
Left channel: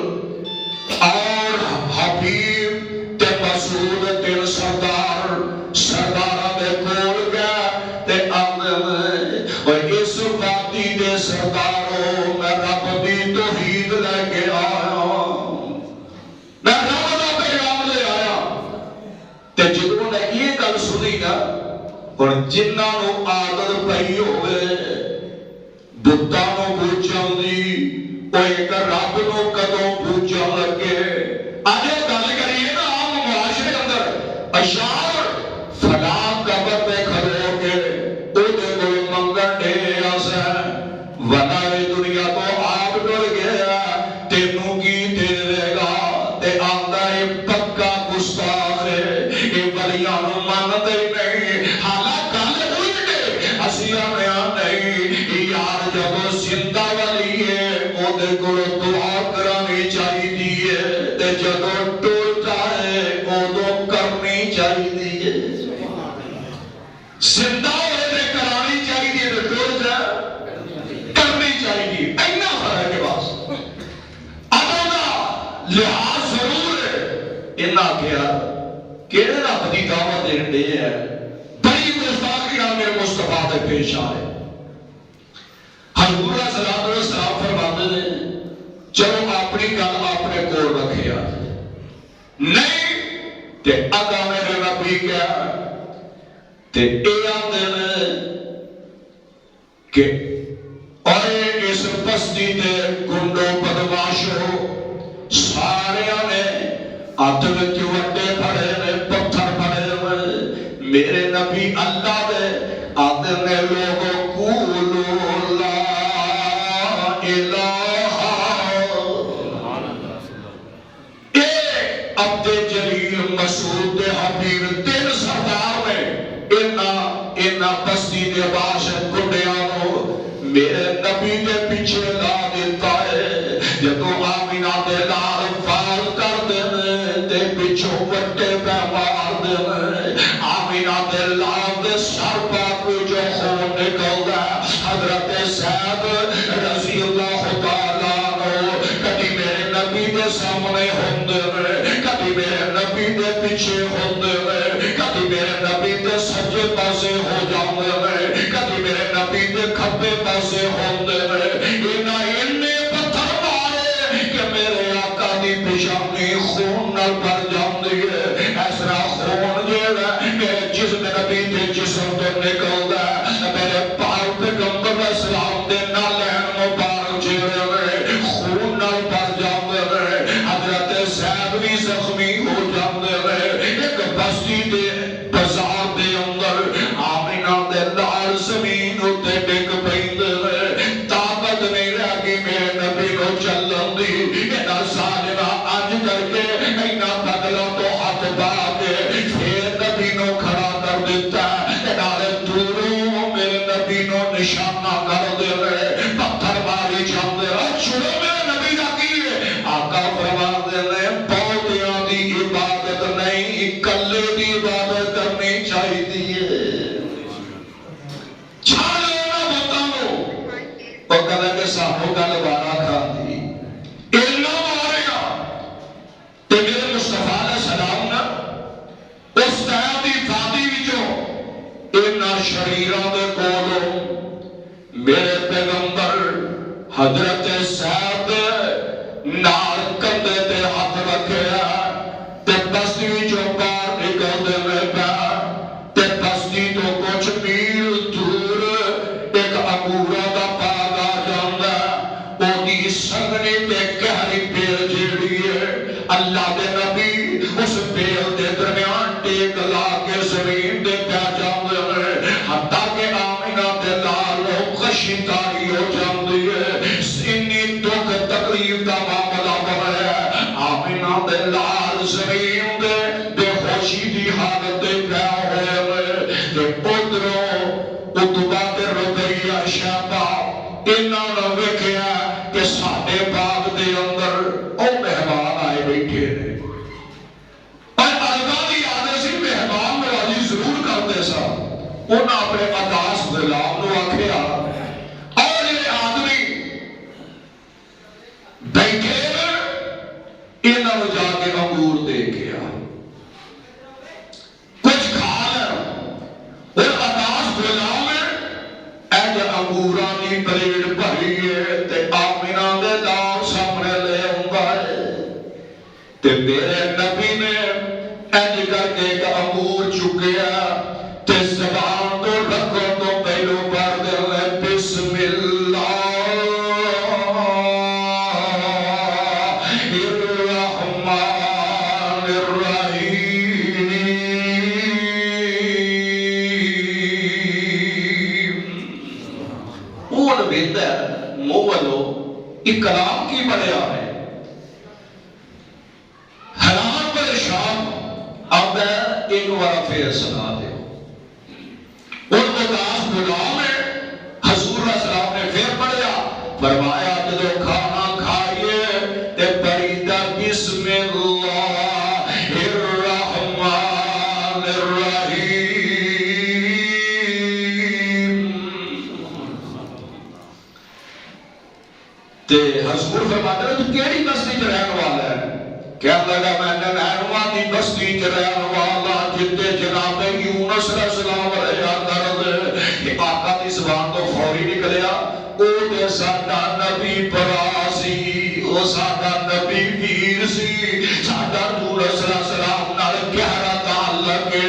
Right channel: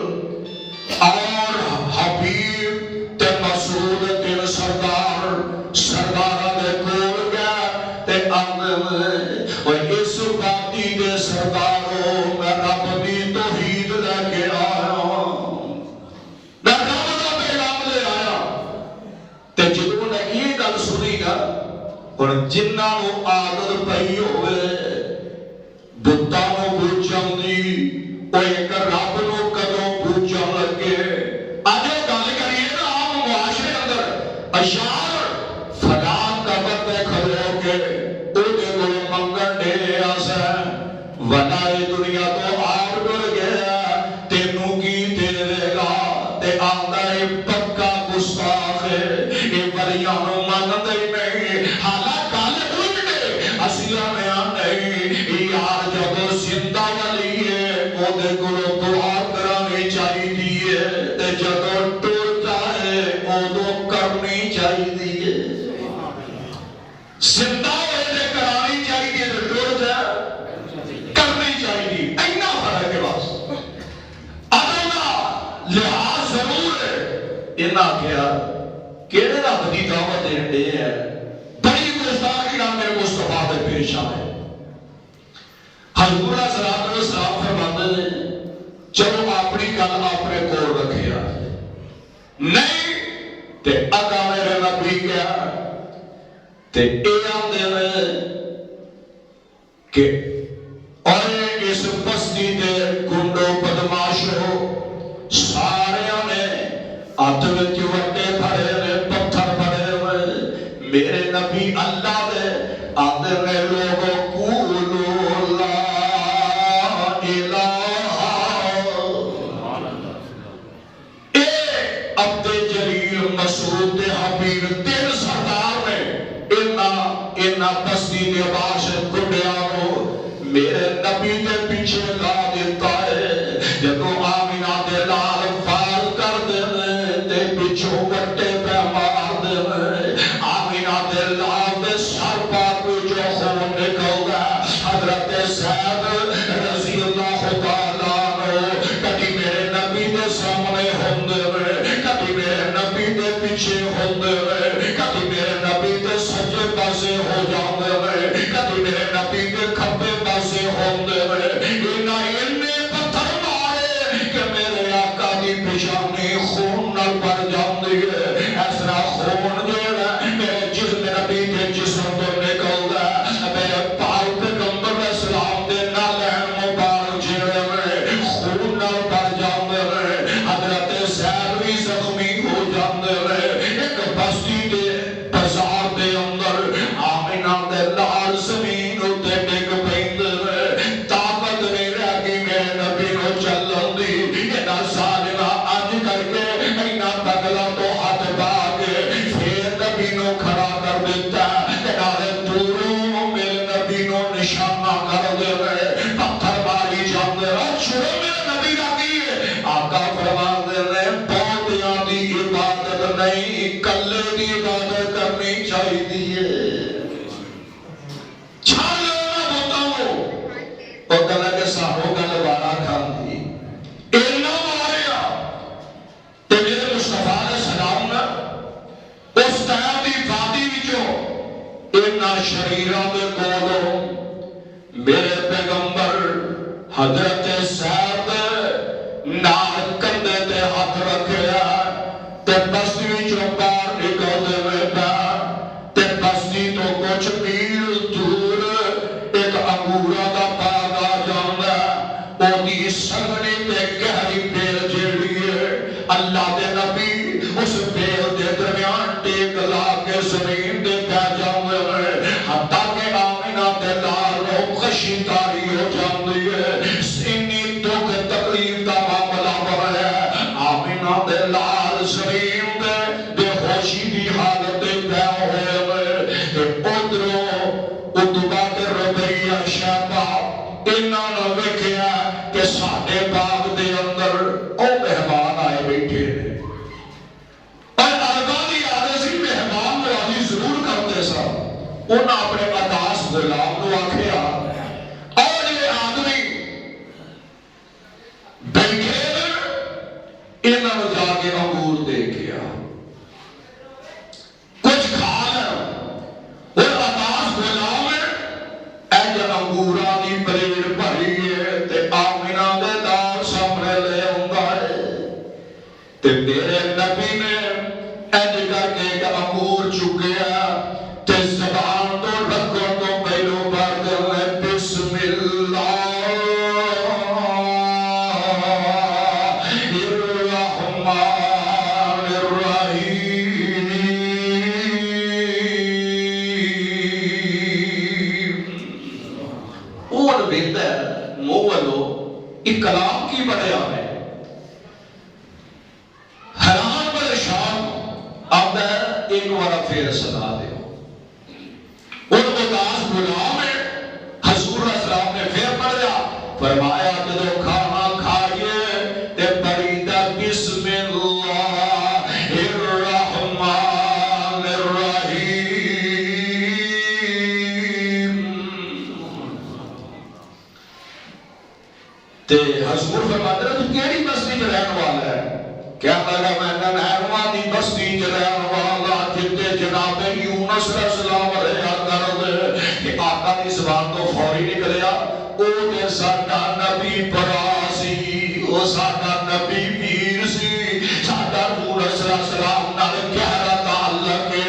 اور حبیب تے مسعود تیل سردار دے کول گیا تے آندے اور اس وادی دے سرداروں میں رب دی توحید لے کے آیا، میں رب دا پیغام لے آیا تے جدوں نے یہ گل سنی نا اور جنہاں نو عادت پئی ہوئے بتاں نو پوچھن دی او ایک رب نو کدوں پوچھن لگے اج گل کریے نا عام معاشرے اندر اشعار فلاں قبر تے کھلو کے او دے کول منگن دے اسا ونائے دنیا تو آپ ڈر گیا تینوں کی دے گا تے آندا اے پکا گستاخ ہے اے ولیاں نو مانتے نہیں، حالانکہ گل الٹ ہے اسیاں نے نہیں یار جب زندہ ولی ہے او دے کول دعا کرانی چاہیے تے جب ٹر جائے اودوں کرنی چاہیے، زندہ ہوئے تے کرانی چاہیے تے ٹر جائے کرنی چاہیے، اینا فرق ہے بس ادب دا لحاظ ضرور ہے۔ انہاں کیا کہڑے رب دی دعوت دین دے ہے بڑی گستاخی نال میرے مصطفیٰ دے پیش آئے، حضور صلی اللہ علیہ وسلم فرماتے ہیں چلو اپنی گل اپنے کول رکھیا نہیں تے اگا میرے نبی گیا تے اے آندے نے کہ اور اس بستی دے گنڈو بدماشو سارے نے ہاتھ وچ وٹے پھڑے نے پتھر پھڑے ہوئے میرے نبی اللہ دے آدھے نے لوگوں قولوا لا الہ اے عبد جلیل مسعود حبیب تین سردار نے اینا بستی دے باش گنڈیاں نو میرے نبی دے پیچھے لا دیتا ہے، جدو آمینہ دے لال فال کر دے تے پیچھوں وٹے پہ مار دے آمینہ دے لال دے سر پاک جو خون نکل گیا، حضرت زید رضی اللہ تعالیٰ عنہ کبھی میرے نبی دے سامنے ہوندے کبھی میرے نبی دے پیچھے ہوندے کبھی میرے نبی دے سجے پاسے ہو جاندے کبھی میرے نبی دے کھبے پاسے ہوندے انہیں پتھر مارے کہ میرے آقا دی پیشانی خون نال بھر جاندی ہے، ایسا خون جیڑا میرے جسم نبی دے جسم تو نکلدا ہے، میرے نشانہ کر دے پتھر ماری جاندے چھوڑو میرے نبی دا کی آقا فرما دے پودیاں دی عبادت نہیں کلے دی عبادت کرنی چاہیے چھالو نہ بتاؤ وہ کہا کہ سانو گل بارہ کھاندی علم ماریا تے میرے مصطفیٰ علیہ السلام نے اس طرح دی وادی وچوں انہاں شریراں دے کولوں میرے پیغمبر حضرت سعد نال کندھے تے ہاتھ رکھیا تے بستی وچوں باہر نکلدے ہوئے پیا تے بستی تو کچھ میل دور ایک انگوراں دا باغ آ جاندا اودی سنگنی تے گہری بیل جیڑی ہے اللہ دے نبی اس بیل دے درمیان ٹیک لا کے زمین دے پہ جاندے ہوئے حتیٰ کہ آمینہ دے لال خشیداری ہو جاندی ہے انی دکھ تکلیف دا معاملہ بڑھ ہے آمینہ دے لال زمین دے خوشی دی حالت دے پہ ہوئے کہ ادھروں ادھبا دے ربیہ شیبہ انہاں نے ویکھیا کہ ساڈے باغ دے اندر او مہمان آئے بیٹھے ہیں اور عربہ دی عادت سی مہمان نوازی ضرور کرتے سا انہاں اپنے عطاس غلام نو آکھیا اور یہ آدمی بیٹھے انہاں نو جا کے انگور دے گیا کچھ کھا لیا اور عطاس غلام اے جو انگوراں دی پلیٹ بھری ہے تے آمینہ دے دار سامنے لے ہوندا ہے تے میرے نبی نے اینج کر کے ایک انگور چکیا تے زبان تو رکھو تو پہلو پڑھ دے بسم اللہ الرحمن الرحیم اور بہتر مولو ایک کلام کی بڑھیا ہے حیران پریشان اب ایک بار پھر سنا دے ان اداس غلام ہے حضور علیہ السلام نے پھر پڑھیا فرمایا جدو کھانا کھائیے تے پڑھیدا بسم اللہ الرحمن الرحیم تے حضور فرماتے ہیں تو کیڑی بستی چ رہن والا ہے کہنے لگا میں نینوا دی بستی چ رہن والا جتے جناب یونس علیہ السلام رہیا کرد کہ آقا دی زبان تو فوری نکلیا او تے ساڈا نبی برا سی او ساڈا نبی ویر سی ساڈا نور صلی اللہ علیہ وسلم نال گہرا تعلق ہے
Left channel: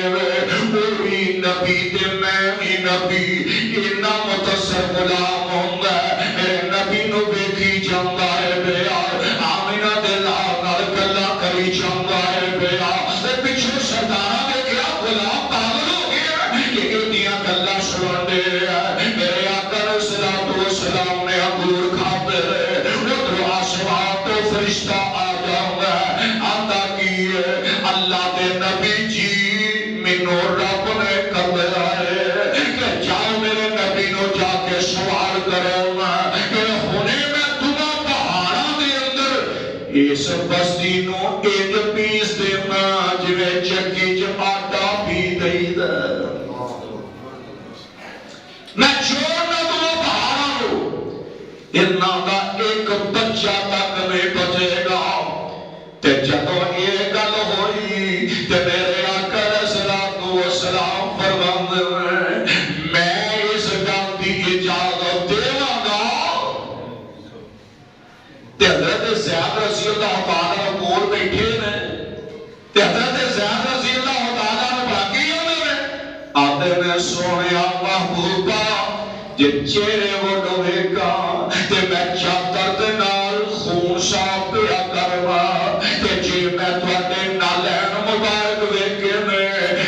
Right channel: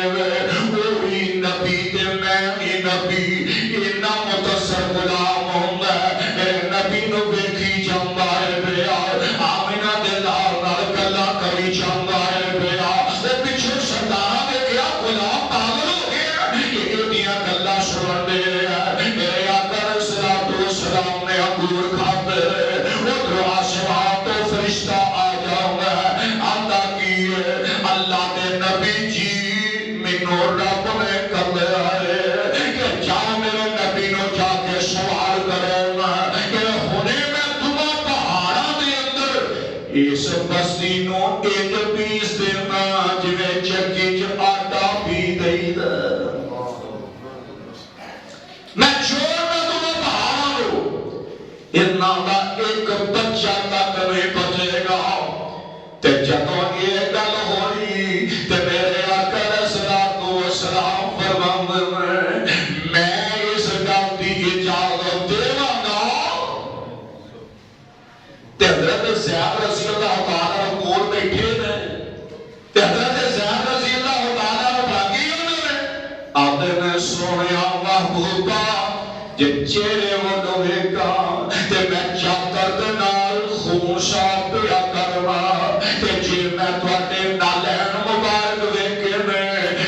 او بھی نبی تے میں بھی نبی اتنا متصر غلام ہوندا ہے میرے نبی نو ویکھی جاندا ہے بیا آمینہ دے نال گلاں کری جاندا ہے بیا تے پیچھے سردار دے گیا غلام پاگل ہو گیا کہ ایڈیاں گلاں سن دے میرے آقا صلی اللہ علیہ وسلم نے انگور کھاتے ادھر آسمان تو فرشتہ آ جاؤں ہے آتا کی اللہ دے نبی جی منو رب نے کہا ہے کہ جاؤ میرے نبی نو جا کے سوال کرو کہ ہونے میں تمہیں پہاڑاں دے اندر اس بستی نو ایک پیس دینا جویں چکی چ آٹا پی دئی دا میں چھوڑنا تمہیں پہاڑاں نو انہاں دا ایک بچہ تک نہیں بچے گا تے جدوں یہ گل ہوئی تے میرے آقا علیہ الصلوۃ والسلام فرماندے میں اس گل دی اجازت دیواں گا تے حضرت زید رضی اللہ تعالیٰ کول بیٹھے نے تے حضرت زید رضی اللہ تعالیٰ نے باقی ہونے آتے نے سونیا محبوبہ جے چہرے وہ ویکھا تے میں چادر دے نال خون صاف پیا کروا تے جے میں تواڈے نالین مبارک ویکھے نے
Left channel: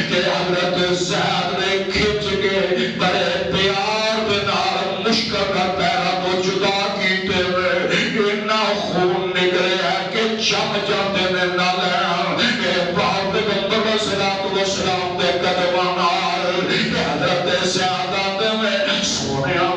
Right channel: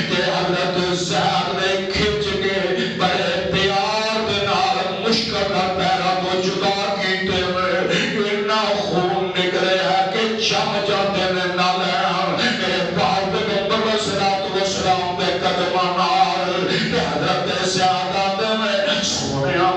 تے حضرت زید نے کھچ کے بڑے پیار دے نال مشکل نال پیراں تو جدا کیتے اتنا خون نکلیا کہ جم جاندے نے نالین میرے باپ پیغمبر صلی اللہ علیہ وسلم دے قدماں نال حضرت زید آندے نے سونیا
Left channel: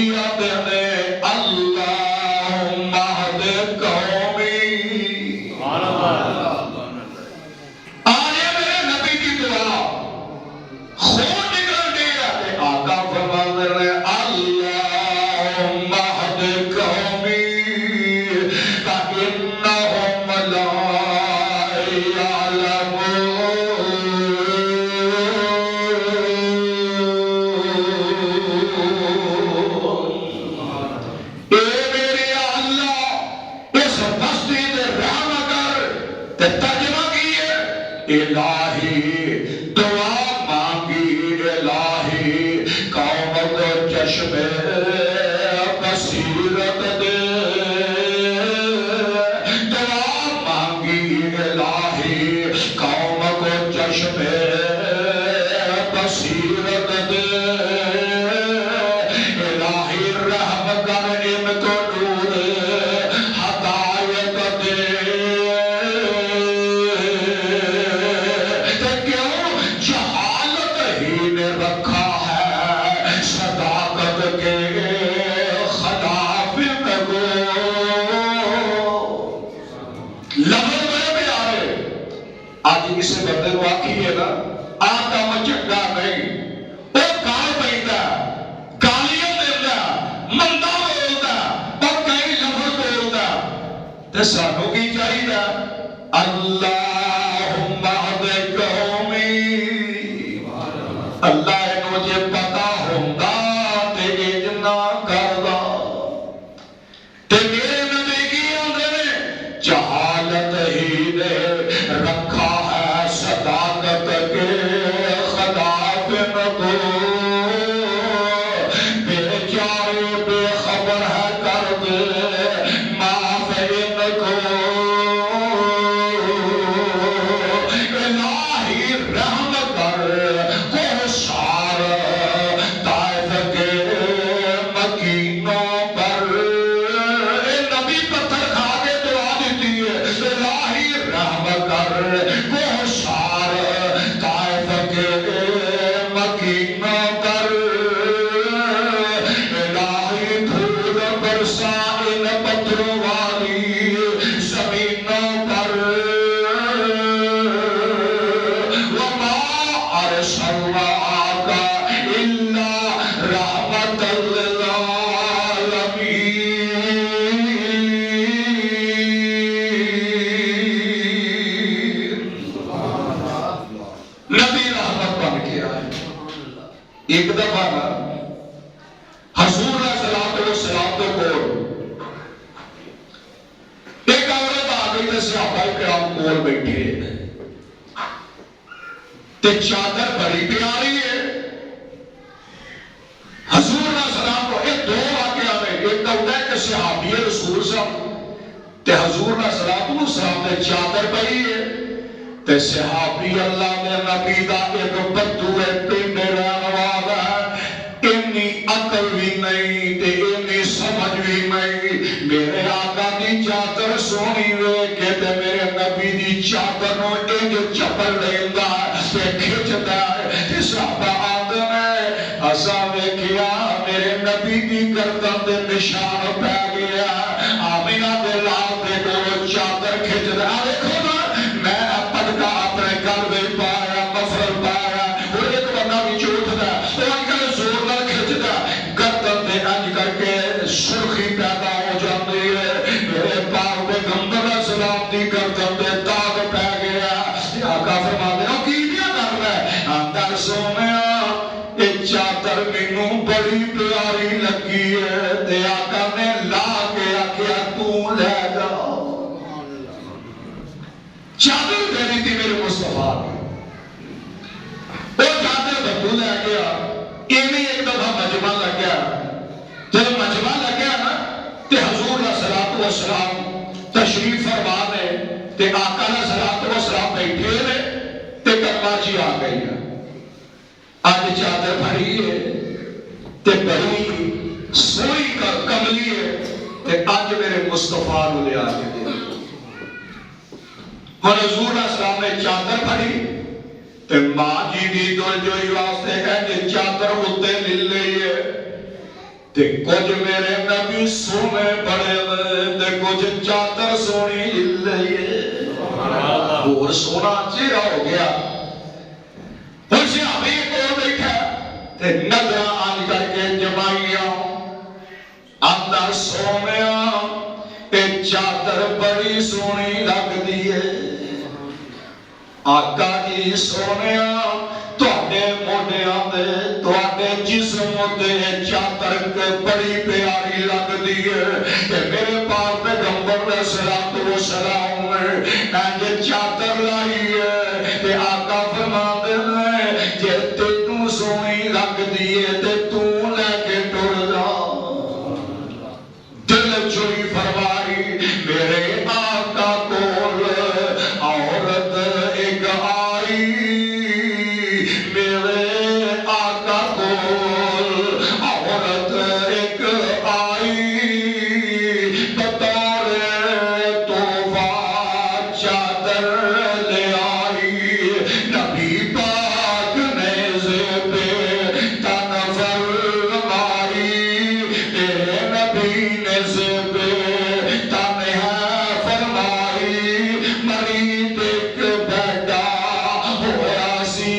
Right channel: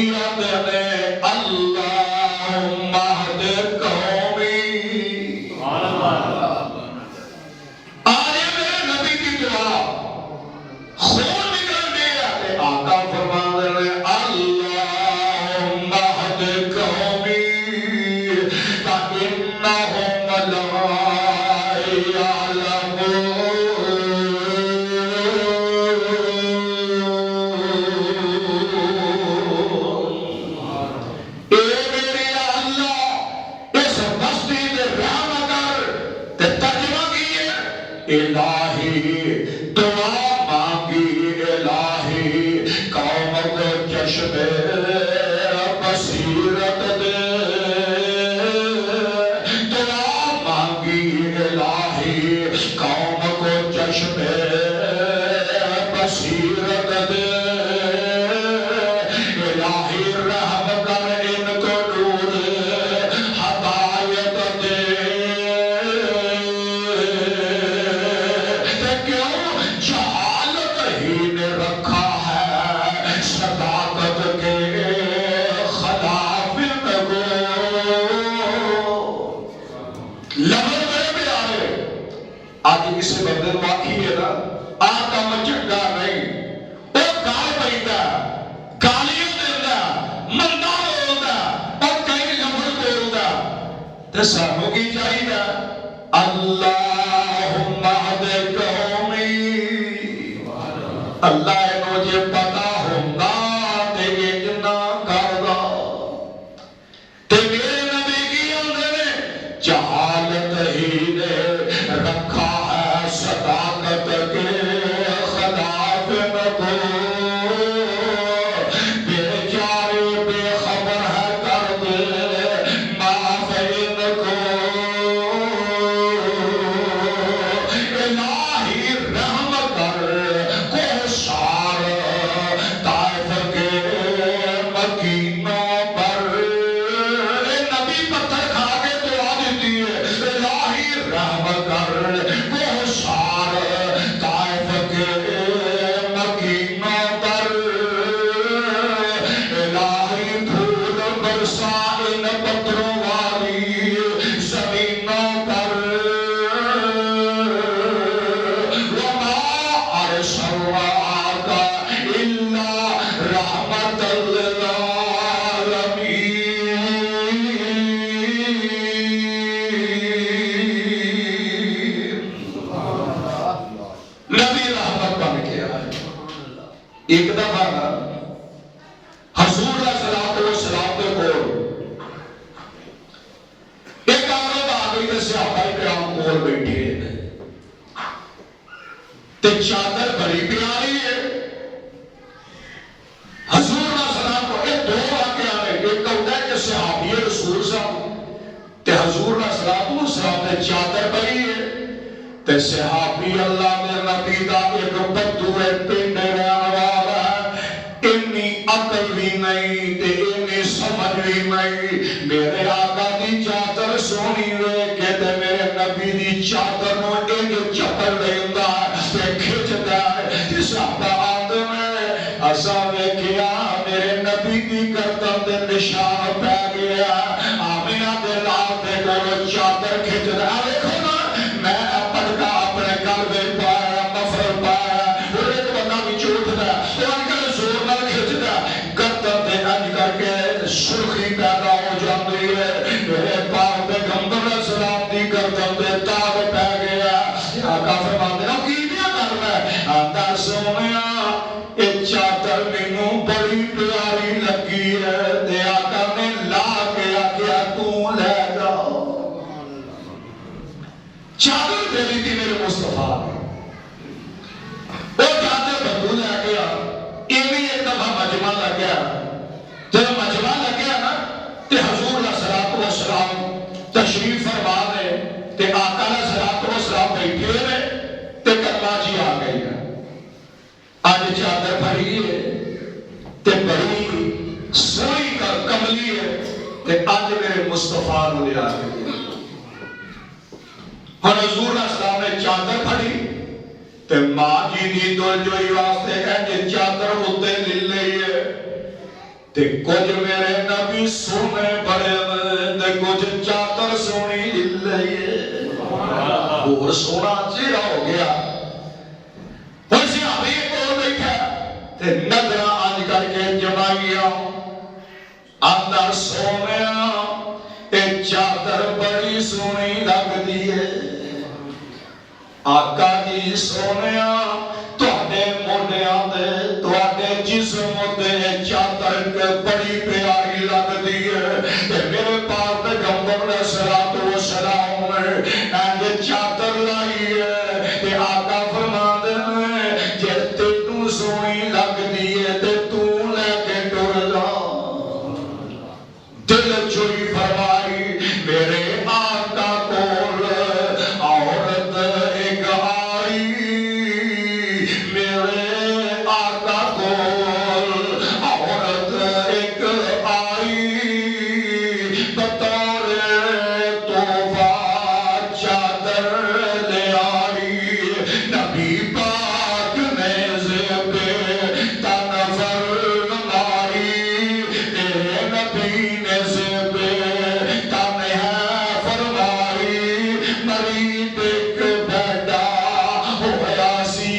کی آتے ہیں اللہم اہد قومی. آنے میرے نبی کی دعا خون نکل دیا کہ آقا فرما رہے ہیں اللہم اہد قومی فإنہم لا الہی دعا مانگی الہی قوم کو چشم بصیرت دے. دعا مانگی الہی قوم کو چشم بصیرت دے. الہی رحم کر ان کو نور ہدایت دے. رکھا ہے صداقت کے خلاف کو. لفظ میں آئے آج کسی بندے کو آخی ہے نا آدم چنگا نہیں وہ گال پہنتا گالیاں دیتا مندا بولتا اور کئی لفظ بولتا تو سانوں کی چاہیے اللہم اہد قومی. اللہ مجھے پتا ہوندہ تے اجنا کردہ تے میرے نبی کی آنے میں جہالت ہی نے رکھا ہے صداقت کے خلاف کو. بے چارے بے خبر ہے کر دے معاف ان کو. الہی رحم کر ایک دفعہ حضور صلی اللہ علیہ وسلم کو ایک عورت آ گئی تے صحابہ کرام کول بیٹھے تے چادر بڑی پیاری ہے. حضور صلی اللہ علیہ وسلم کو یہ دو واقعہ ہیں. ایک تو ہوتا ہے کہ صحابی رسول صاحب تے حضور صلی اللہ علیہ وسلم تے چادر پئی ہے تے صحابی اللہ نے نبی دا ایک بدو ہے پنڈ رہن والا انی عقل بھی نہیں تے انی سمجھ بھی نہیں. میرے آقا دی چادر سونی وے کہ تے میرے نبی دی چادر نو انج چپل دیندا تے کھچدا ہے تے صحابہ آندے میں اسا ویکھیا میرے نبی دی گردن تے نشان پے گیا. آمینہ دے لال تے کول چادر کھچدا ویکھو نا میں اپنا اپنے گل وچ پایا مفرل پایا وہ ایک بندہ بھی اٹھدا وہ انکل زور نال کھچدا گردن تے انج کر کے سرخی پیدا ہو جاتی ہے. میرے پاک پیغمبر اسلام دی گردن تے داغ پے گیا. آقا فرماتے ہیں کی کیا کرنا ہے آندا سونیا اے چادر مینوں بڑی پیاری لگی ہے تے آقا نے لا کے آکھیا تو لے جا. چادر دینی تھی میرے مصطفیٰ وہ چادر بدو لے گیا. یہ بھی ایک دفعہ مجمع لگ گیا. جب مجمع لگ گیا نا تے حضور صلی اللہ علیہ وسلم تشریف فرما نے تے آقا صلی اللہ علیہ وسلم بیٹھے ہوئے تے کلمہ جی آ گئی ہے. آج چادر پھڑی ہے تے بڑی سوئی کا کملی ہے تے آج میرے مصطفیٰ نے لے آ گئی. ہن حضور اسلام نے چادر پھڑی تے ماں جی دی دل جوئی واسطے کہندے چادر اُتے لے لئی ہے تے کچھ میرے نبی سونے بڑے تے کچھ چادر سونی لئی اور سونا چہرہ ہو گیا ابھی کو دیکھا تے نظر آج کر کے جمائیا اندر سونیا اے چادر بڑی سونی لگ دیئے آقا جی سونیا تواڈے موڈیاں دے تواڈے جسم تے چادر بڑی پیاری لگ دیئے تے میرے پاک پیغمبر علیہ الصلوۃ والسلام نے چادر لائی ہے تے آقا فرماندے نے جے تینوں سونی لگ دیئے تے تو لے کے ٹر جا دل چوئی فرمائی میرے آقا کول عورت ایک آئی میرے آقا کول عورت ایک آئی بطور تحفہ چادر لے آئی نبی پاک نے زیب تن فرمائی اے نبی نے زیب تن فرمائی مرید ایک بیٹا ہویا سی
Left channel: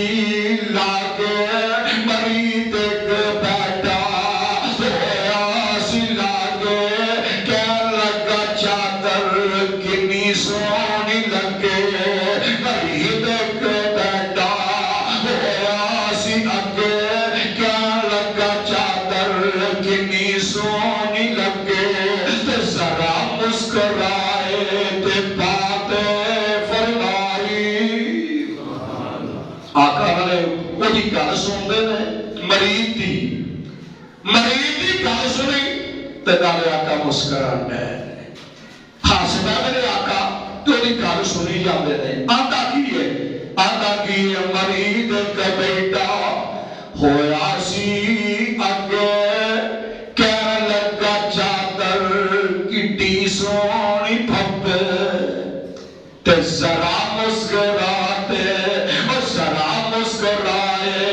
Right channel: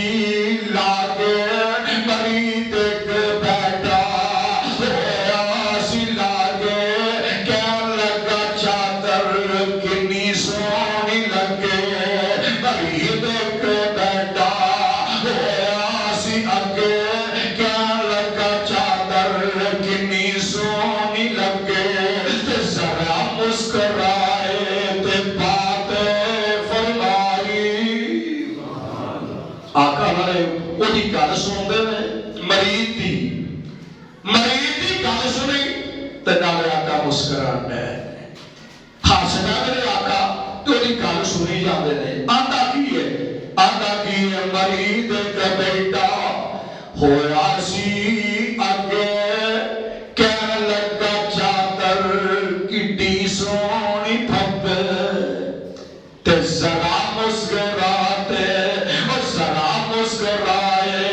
لاگے مرید ایک بیٹا ہویا سی لاگے کہن لگا چادر کنی سونی لگے مرید ایک بیٹا ہویا سی اگے کہن لگا چادر کنی سونی لگے تے ذرا مسکرائے تے بات فرمائی آقا نے وہی گل سنتے ہیں مرید دی گل سنی تے نالے آقا مسکرانا ہے ہسنا میرے آقا تو وہی گل سنی جاندے نے آتا کی ہے مرید کا بیٹا ہویا سی اگے کہن لگا چادر کٹی سونی پھپے تے ذرا مسکراتے ذرا مسکرائے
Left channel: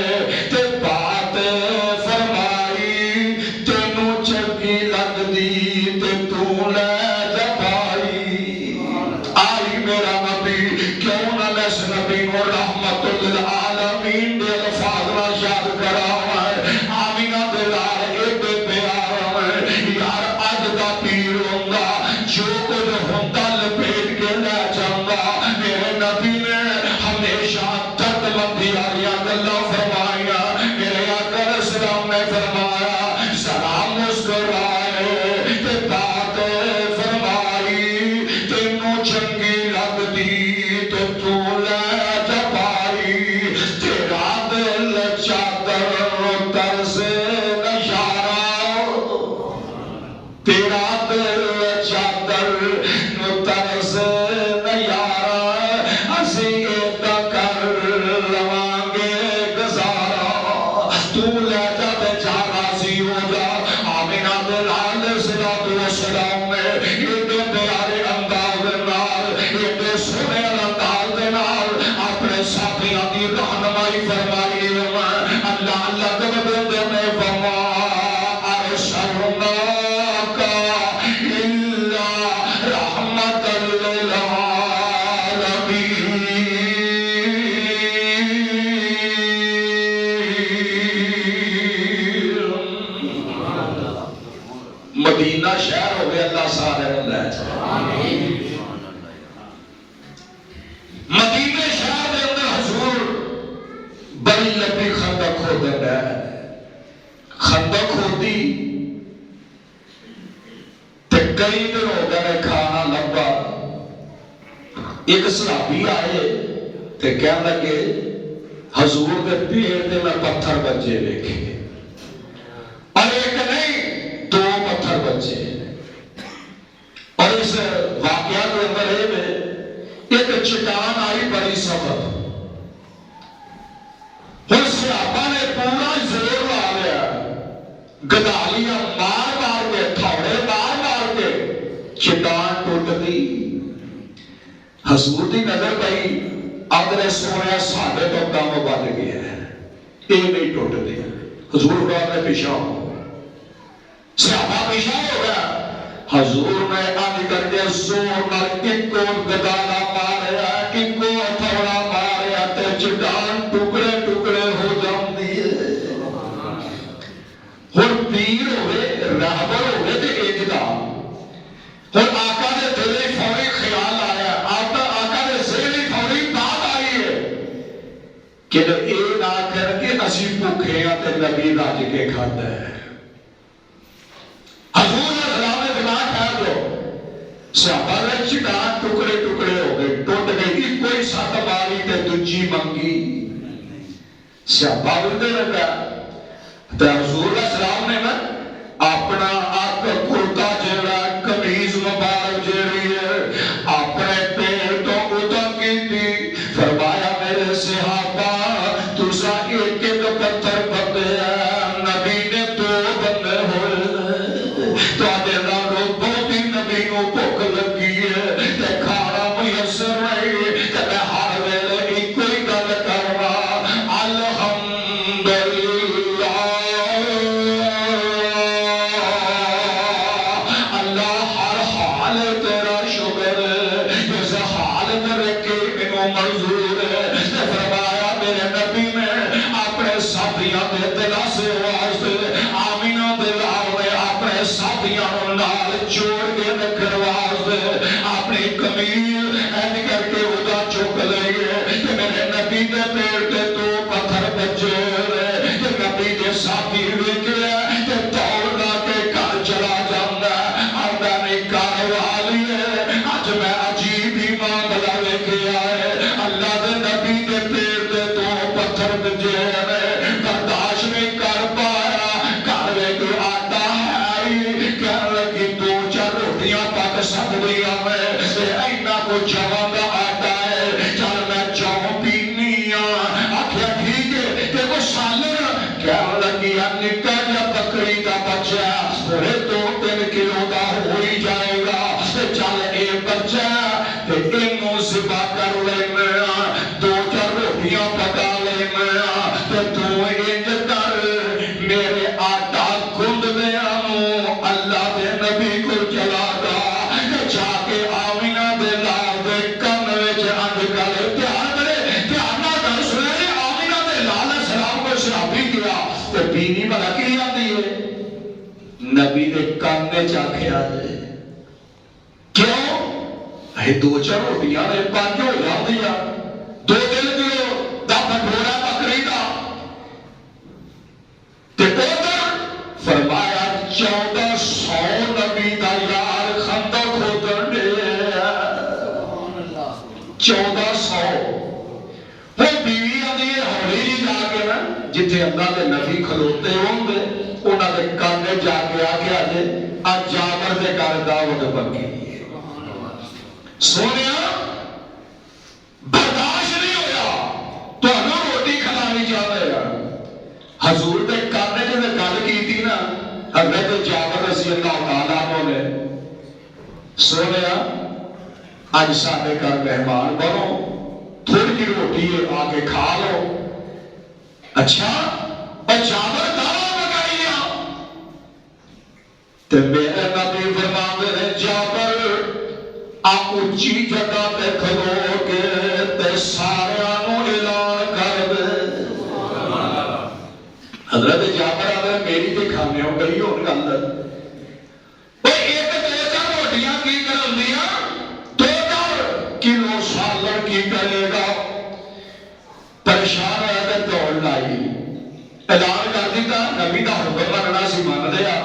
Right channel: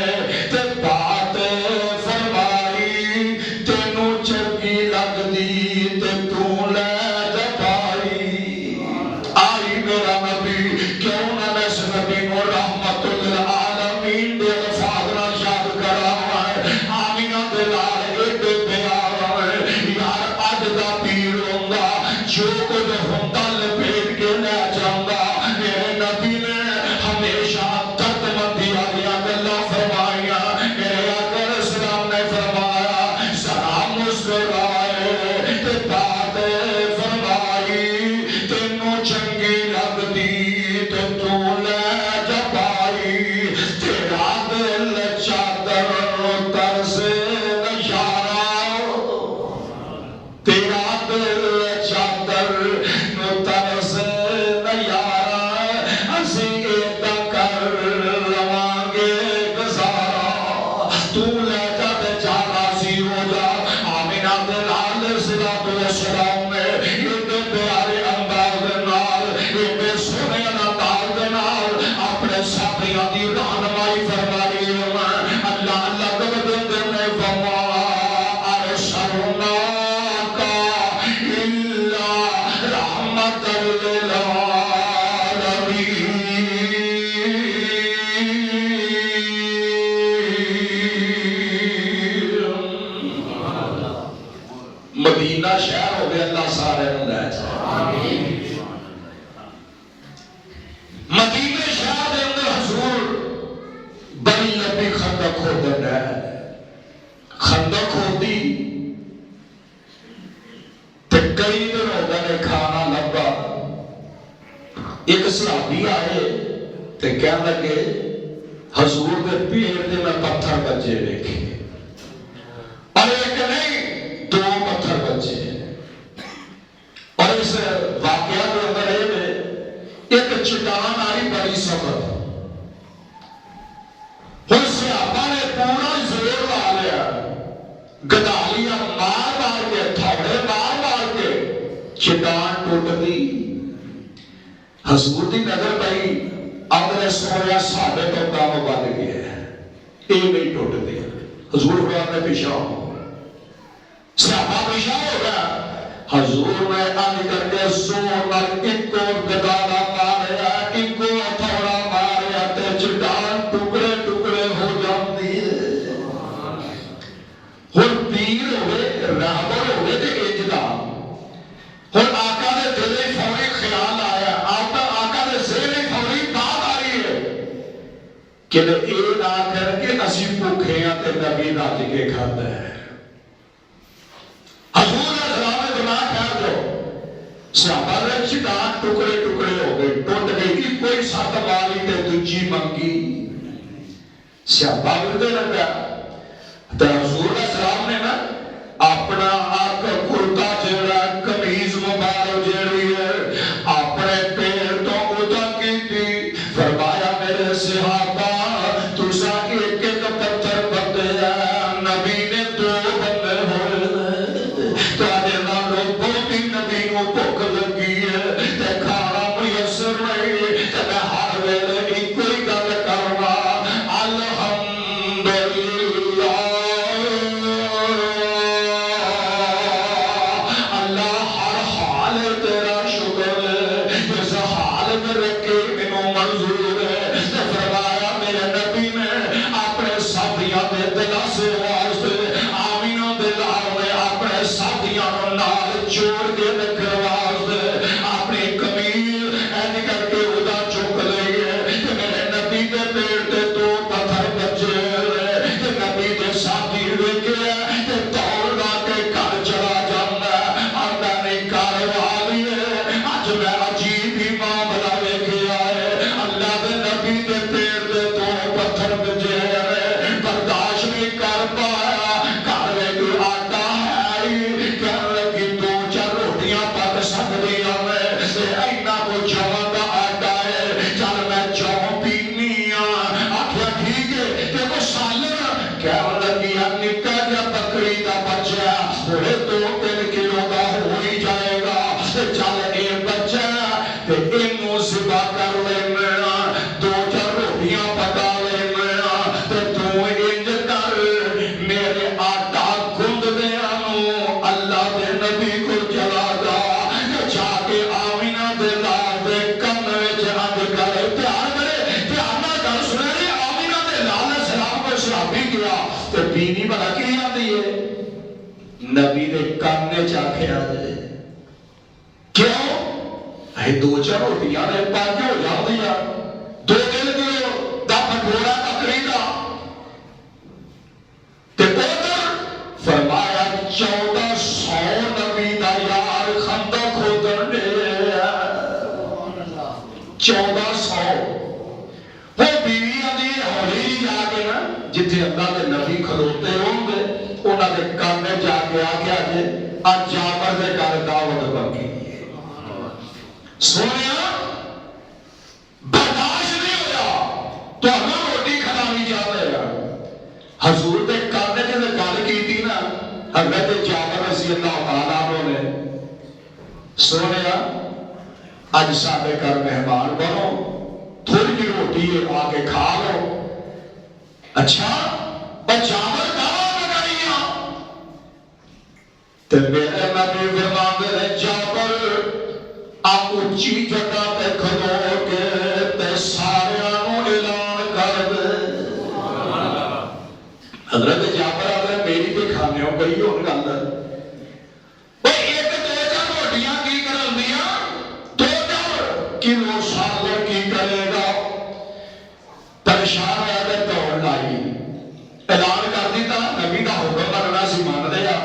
تے بات فرمائی تینوں چنگی لگ دی تے تو لے جا پائی آئی میرا نبی کیوں نہ میں اس نبی کو رحمت للعالمین دے الفاظ نہ یاد کراواں آمینہ دلال ایڈے پیار یار اج دا پیر ہوندا جو کچھ ہوندا لپیٹ کے لے جاندا میرے نبی نے ہمیشہ درد مندی والیاں گلاں فرمائیاں میرے آقا علیہ السلام نے فرمایا سلام مسکرائے تے بات فرمائی تینوں چنگی لگ دی تے تو لے جا پائی تیرا دل چادر ترس نشارہ تیرا دل چادر ترس نیارہ اسی ایتا کر لوانگے گزارا تو لے جا تے جانا سی ہو جا آمینہ دلال صلوات والسلام میں ایڈے پیارے انداز نال ایڈے سونے انداز نال اپنے ساتھیاں دی رہنمائی فرمائی اللہ اللہ دے میں فرما ارسلناک الا رحمت للعالمین مدینہ شہر ہو گیا اللہ سارے لے مدینہ شہر دے اندر حضور بڑی لمبی خندق کھودن ہے خندق ہوتی تے کئی دن ہو گئے کھانا لبا ایک صحابی آئے تے کہنے لگے حضور دے پیٹ تے میں پتھر بچے دیکھے اور ایک نہیں دو پتھر بچے اور اس واقعہ کے اندر ایک چٹان آئی بڑی سخت اس صحابہ نے پورا زور لا لیا گدالیاں مار مار کے تھوڑے مار کے چٹان ٹوٹ دی حضور دی نظر پئی اگر سونے ساڈے تو کام بن گیا ہے یہ نہیں ٹوٹ دیا حضور فرماتے نے پیچھے صحابہ پریشان ہو گیا، حضور میں آنے کر کے زور نال ایک کو گدالا ماریا، ایک کو ہتھوڑا ماریا تے چٹان ٹکڑے ٹکڑے ہو جاندی ہے۔ ہن پیر ہوئے رہبر ہوئے تے اجدا، ہن آقا دے دل وچ فوری خیال آیا، آقا دے ذہن وچ فوری بات آئی ہے کہ اے نہ کر کے اسی بھوکے ہاں تے نبی رج کے کھاتا ہے۔ حضور نے سلام دماغ کھا دو، صحابہ نے چٹان ٹکڑے ٹکڑے ہو گئے، ٹوٹ گئی، کوئی سات ماری تے دوجی منگی۔ صحابہ بردے لگا تے حضور نے سلام نے نا اپنا آق کرتا جڑا قمیض مبارک جڑی ہے اپنے پیر تو ادا کی تھی، فرمایا میرے صحابہ تسا ایک ایک پتھر بندے ہیں، نبی نے دو بندے ہوئے، تواڈے نالوں بہتی نبی نو بھوک لگی ہے تے کھانا میسر نہیں، تے میں ہر ویلے ایک ہی گل کرنا، الحمدللہ اللہ ہر حال تیرا شکر ہے، جس حال میں رکھے مینوں منظور ہے۔ تے فرمایا میرے نبی نے اپنے ساتھیاں دے دلاسے واسطے آمینہ دے لاوے اپنے ساتھیاں نال جوڑ کے رکھن واسطے اپنی قمیض اینج کر کے ادا چک لئی ہے کہ میرے نبی دے پیر تے دو پتھر بجے تے نبی دے ساتھی ویکھے تے دوڑ لا کے گھر چلا جاندا آندا نہیں گھر والی ہے اج میں عجیب ہی معاملہ ویکھیا ہے، اللہ دے نبی دے پیر تے دو پتھر بجے برداشت نہیں کر پایا، گھر وچ آٹا ہے ہی، کہن لگی دو چار روٹیاں پک سکدیاں میں تے اینا کو جواں دا آٹا ہے، چل میں چاؤ پینی آکھیا ٹھیک ہے تے وہ سالن کہن لگی نکا جا بکری دا بچہ ہوئے 2-3 کلو دا ہو ہی جائے گا تے چل اے بچہ تے اینوں ذبح کر لینا، دو چار روٹیاں پکا لینا تے تو انج کر میرے آٹا گند دیا مو اللہ دے نبی کو چلا جا کے آمینہ دے لال دے کن وچ انج کر دھیان کرے دھیان نہ کر سنے آمینہ دے لال السلام کو صحابی کیا تے بینی بھلا کی آتی ہے نبی دے کن وچ آکھیا جائے کیوں اے دو چار روٹیاں دے 5 ہو جاندیاں 2-3 کلو دا پٹورا بکری دا تے ادھر فرمایا 1400 نبی دا یار خندق کھودن ڈیا 1400 وہ بیوی آدھی ہولی جی جا کے نا جتھے اللہ دے نبی کھلوتے ہوں گے انہاں دے کان میں جا کے آگے آجے آج جابر دے گھر دعوت پکی سونیا برداشت نہیں ہویا تو ہمیں روٹی کھلانی چاہتے ہیں حضور دے کرنے جنہیں گل کی تھی نا حضرت جابر رضی اللہ تعالیٰ عنہ نے سونیا اج ساڈے گھر مہمان بنو تھوڑی جی روٹی آگے کھا لو، اچھا اور جابر دعویٰ پکائیاں تے میرے نبی فرماندے نے جابر آپ اچھی جگہ تے کھلو کے تے سارے نوں اعلان کر دے۔ حضرت جابر آدھے میری تے کھانے ہو گئی ہو گل ایک 2-4 روٹیاں کی کرن دیا 2-4 کلو سالن کی کرے گا، پریشان ہوا تے دوڑ لائی اعلان کر دیتا نبی دا حکم مننا سی من لیا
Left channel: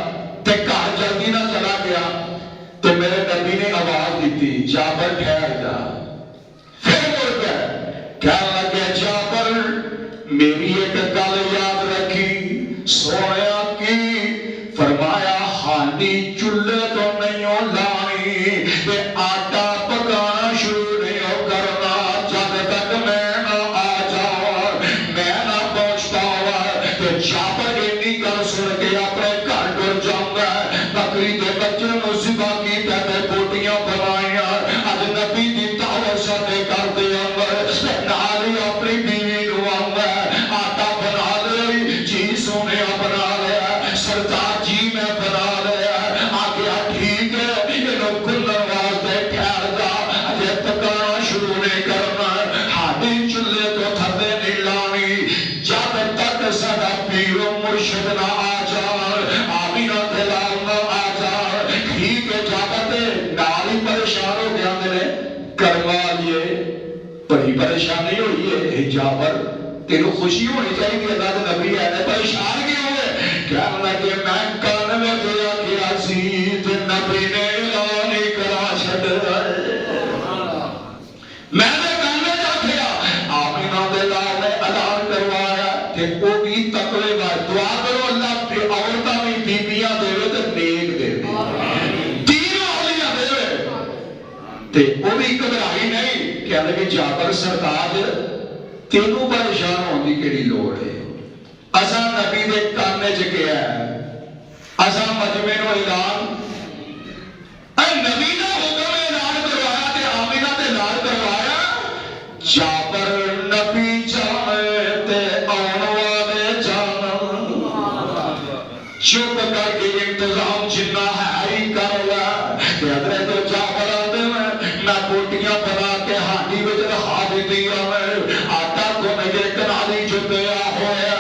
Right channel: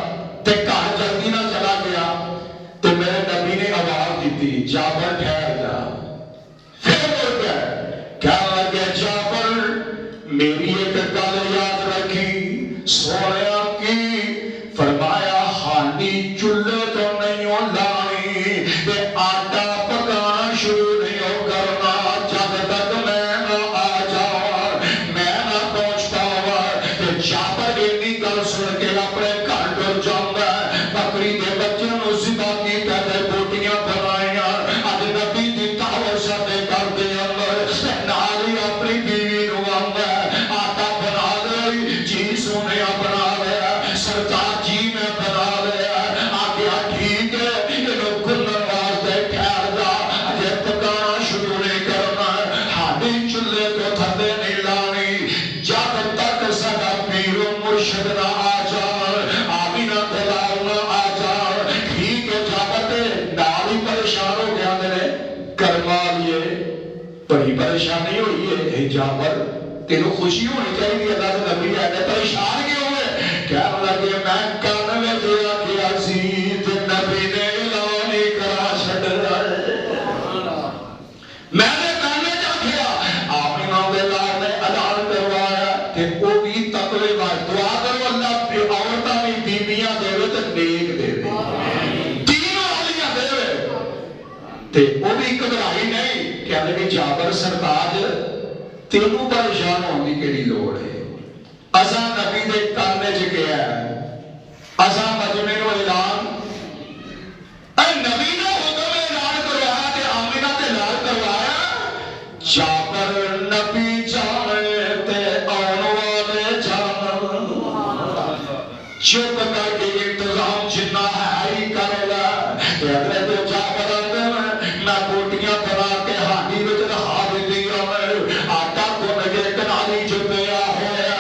تے گھر جلدی نہ چلا گیا تے میرے نبی نے آواز دیتی جابر ٹھہر جا، پھر مڑ گئے کہنے لگے جابر میری ایک گل یاد رکھی سویا کی، فرمایا ہانڈی چولہے تو نہیں ہو لانی تے آٹا پکانا شروع نہیں ہو کرنا جب تک میں نہ آ جاؤں میں نہ پہنچ پاؤں تے جابر اینی گل سن کے اپنے گھر ٹر جاؤں بکری دے بچے نوں ذبح کیتا تے بوٹیاں بنائیاں اج نبی دی دعوت ساڈے گھر دے اندر نال ہی اپنی بیوی نوں آندا آٹا بنا لے جی سونیا بنا لیا سرکار جی میں بنا لیا پریشانی ہوئی ہے جابر تینوں خوشی ہونی چاہیے اللہ کے نبی ہے پریشان کیوں ہوئے کہنے لگے میں کان میں دیا کیا سی تے نبی نے اعلان ہی کرا چھڈ میں نے کان میں جاکھیا آمینہ دے لال نے اعلان کروایا کہ وہ بھی تقوی وار دعا کرو اللہ پہ عورتاں بھی بیبیاں دے تے نیک دے تینوں اولیاء دے تے وہ بھی گھبرائی نہیں کہنے لگے جابر سرتاج تینوں پریشان ہونے کی لوڑ ہے اساں نبی دے کانے چ گیا ہے اساں مجمع نو اعلان اے نبی نے حکم اعلان کروایا تے آمینہ تے لال کروایا جابر نبی جانے تے آن والے جانن چپ کر کے انتظام جنہ ہے ہی کر لیا تے حضرت جابر آدھے میں بوٹیاں بنا کے ہانڈی وچ رہا بھی دیا میں آٹا کو مجھے کنالی چ پیا ہوا ہے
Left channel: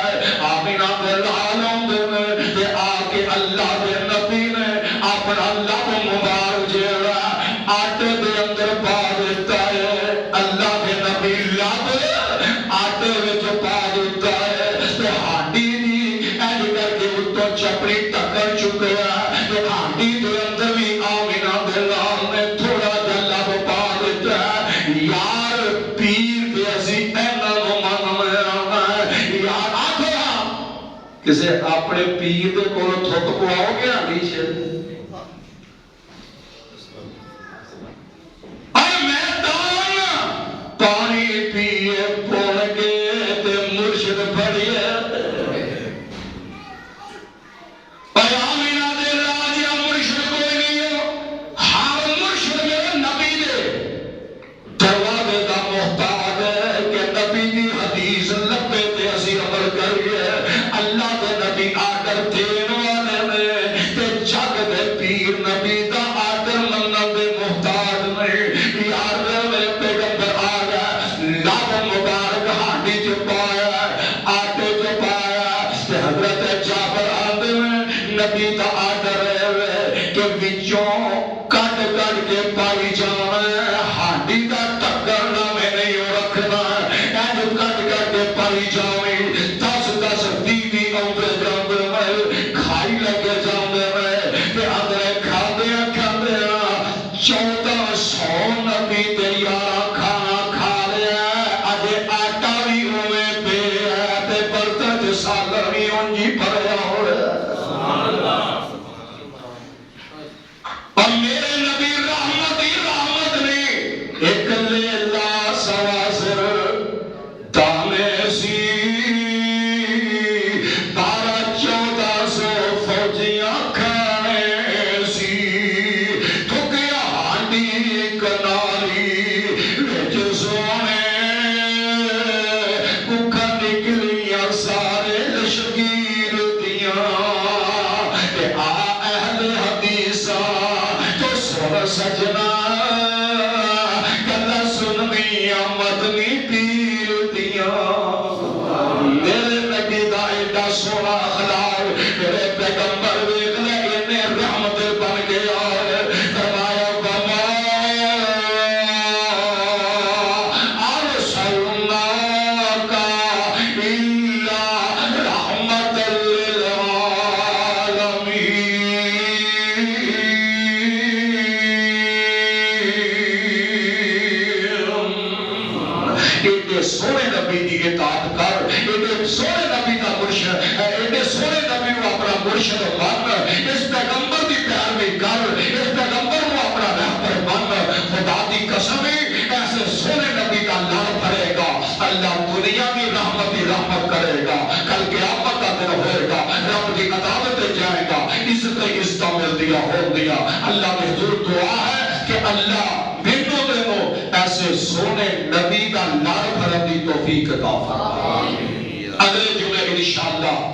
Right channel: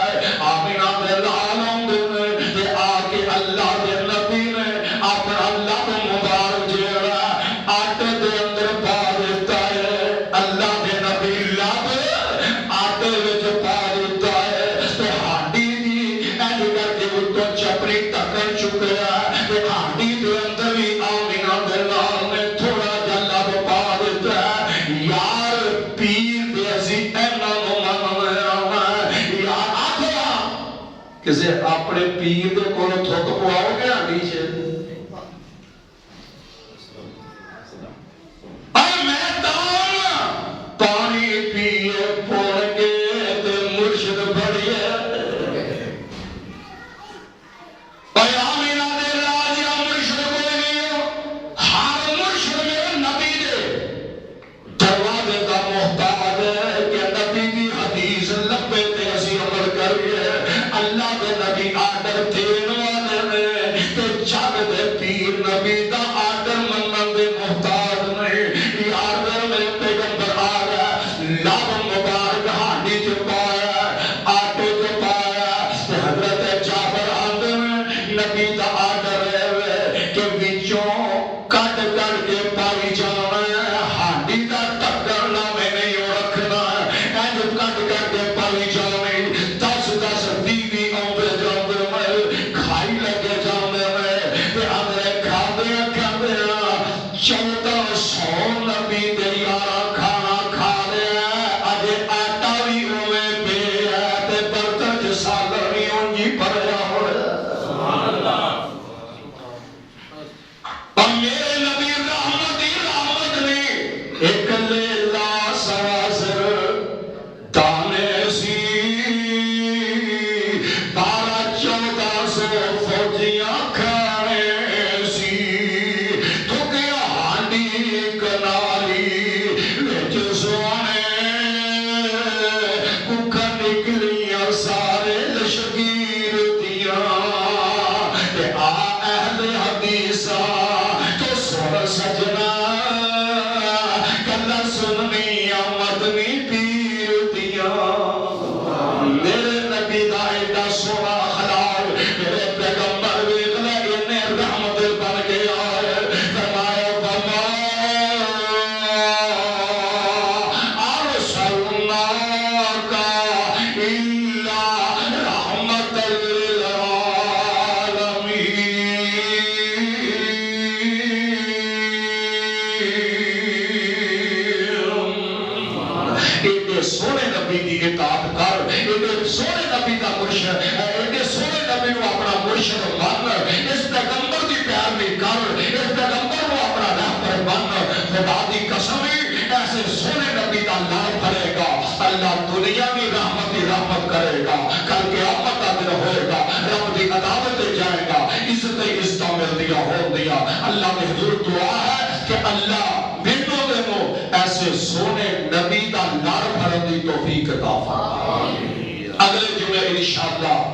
آمینہ دے لال آندے میں تے آ کے اللہ دے نبی نے اپنا لب مبارک جیڑا آٹے دے اندر پا دیتا ہے اللہ دے نبی لب آٹے وچ پا دیتا ہے تے ہانڈی دی اینج کر کے اتوں چپڑی ٹکر چکیا تے ہانڈی دے اندر بھی آمینہ دے لال نے تھوڑا جا لب پا دیتا ہے یار پیر دے اسی اینا نو من آنا ہے یار آکھیا کسے اپنے پیر دے کولو تھک پواؤ گے ہانڈی سے اے میں دان پانی پیے پون کے تے مرشد بڑھئے اے آمینہ دے لاجیا مرشد کوئی نہیں ہو ہر مرشد میرے نبی دے دروازے دا محتاج ہے کہ نبی دی حدیث لبے تے اسی عمل کریے اللہ دے نبی آڈر دین والے نے تے جگ دے پیر نبی دا آڈر منن دے محتاج نہیں یار دے میرے پیغمبر آ گیا لاب مبارک ہانڈی چ پایا آٹے چ پایا تے حضرت جابر آدھے میں نبی دا آڈر ہے کہ وچوں کٹ کٹ کے پائی جانا ہے ہانڈی دا ٹکر نہ میں نہیں رکھنا ہے کٹ کٹ کے پائی جاویں 10 بیوی آندے جاندے میں کھائی لگے جاندے میں تے اندرے کھاندے کھاندے 1400 نبی دے یارا کھانا کھا لیا اجے آٹا بھی اوے پے ہے تے برتن چ ساگر بھی اونجی بھریا ہو رہا سبحان اللہ اور میرے نبی رحمت ہی رحمت نے ایک لیلہ سواسر دانے سی 1200 فوجیاں کھانے سی تھکیا ہانڈی کنالی وچ سونے ککھا نکلیاں سارے لشکیر دیاں تے آ اہل حدیثاں تو سن سجنا گلا سننی مدنی پیر دیاں میرے نبی دا ایڈا سونا اخلاق میرے پیغمبر ویکھ لے اینے رحمت بن گیا فرمایا وما ارسلناک الا رحمت ایڈے سونے نبی دی اطاعت کر ایڈے سونے نبی دا مرشد ایڈے سونے نبی کو اپنا مرشد مان اس پیغمبر دی پیروی کر اس پیغمبر کو اپنا رہبر مان خدا دی قسم ایسے سونے نبی دا لال بھرے گا اللہ دنیا بھی رحمت ہی رحمت کرے گا کل قیامت کا دن ہوئے گا رب دی عدالت جائے گا عزت عزت مل دیا ہو دیا اللہ نے حضور دعا ہے کہ اللہ بینوں دینوں ایسے سونے نبی کا لال بھرم دی توفیق عطا فرمائے اگلے جمعے انشاءاللہ